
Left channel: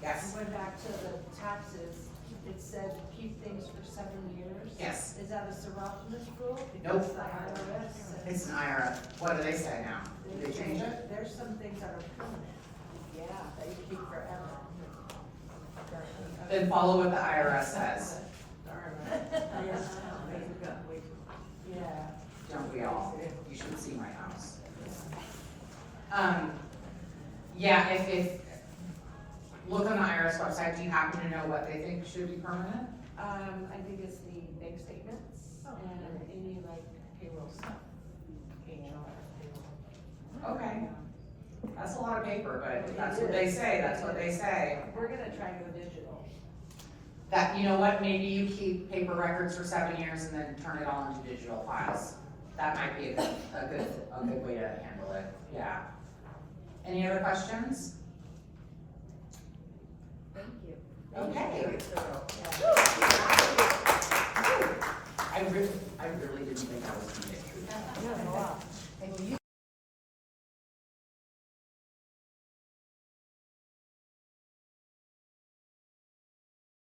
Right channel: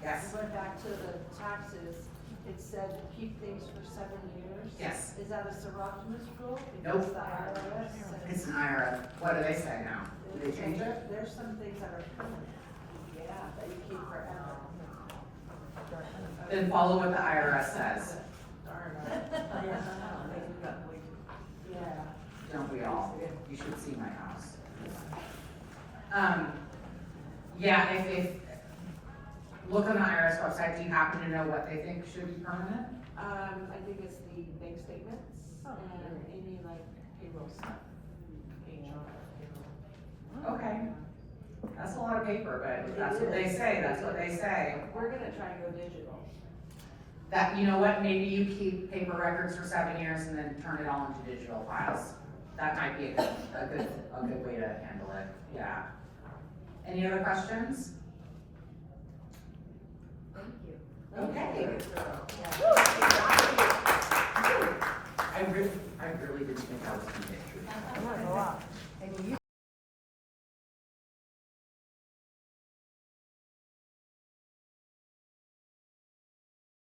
Yes? Going back to the taxes, it said keep things for 7 years. Yes. Is that a Soroptimist rule? Nope. Because the IRS says. It's an IRS. What do they say now? Do they change it? There's some things that are permanent, yeah, that you keep forever. Then follow what the IRS says. Yeah. Don't we all? You should see my house. Yeah, if look on the IRS website, do you happen to know what they think should be permanent? I think it's the bank statements and any like payroll stuff. Okay. That's a lot of paper, but if that's what they say, that's what they say. We're gonna try and go digital. That, you know what, maybe you keep paper records for 7 years and then turn it all into digital files. That might be a good way to handle it, yeah. Any other questions? Thank you. Okay. I really didn't think I was gonna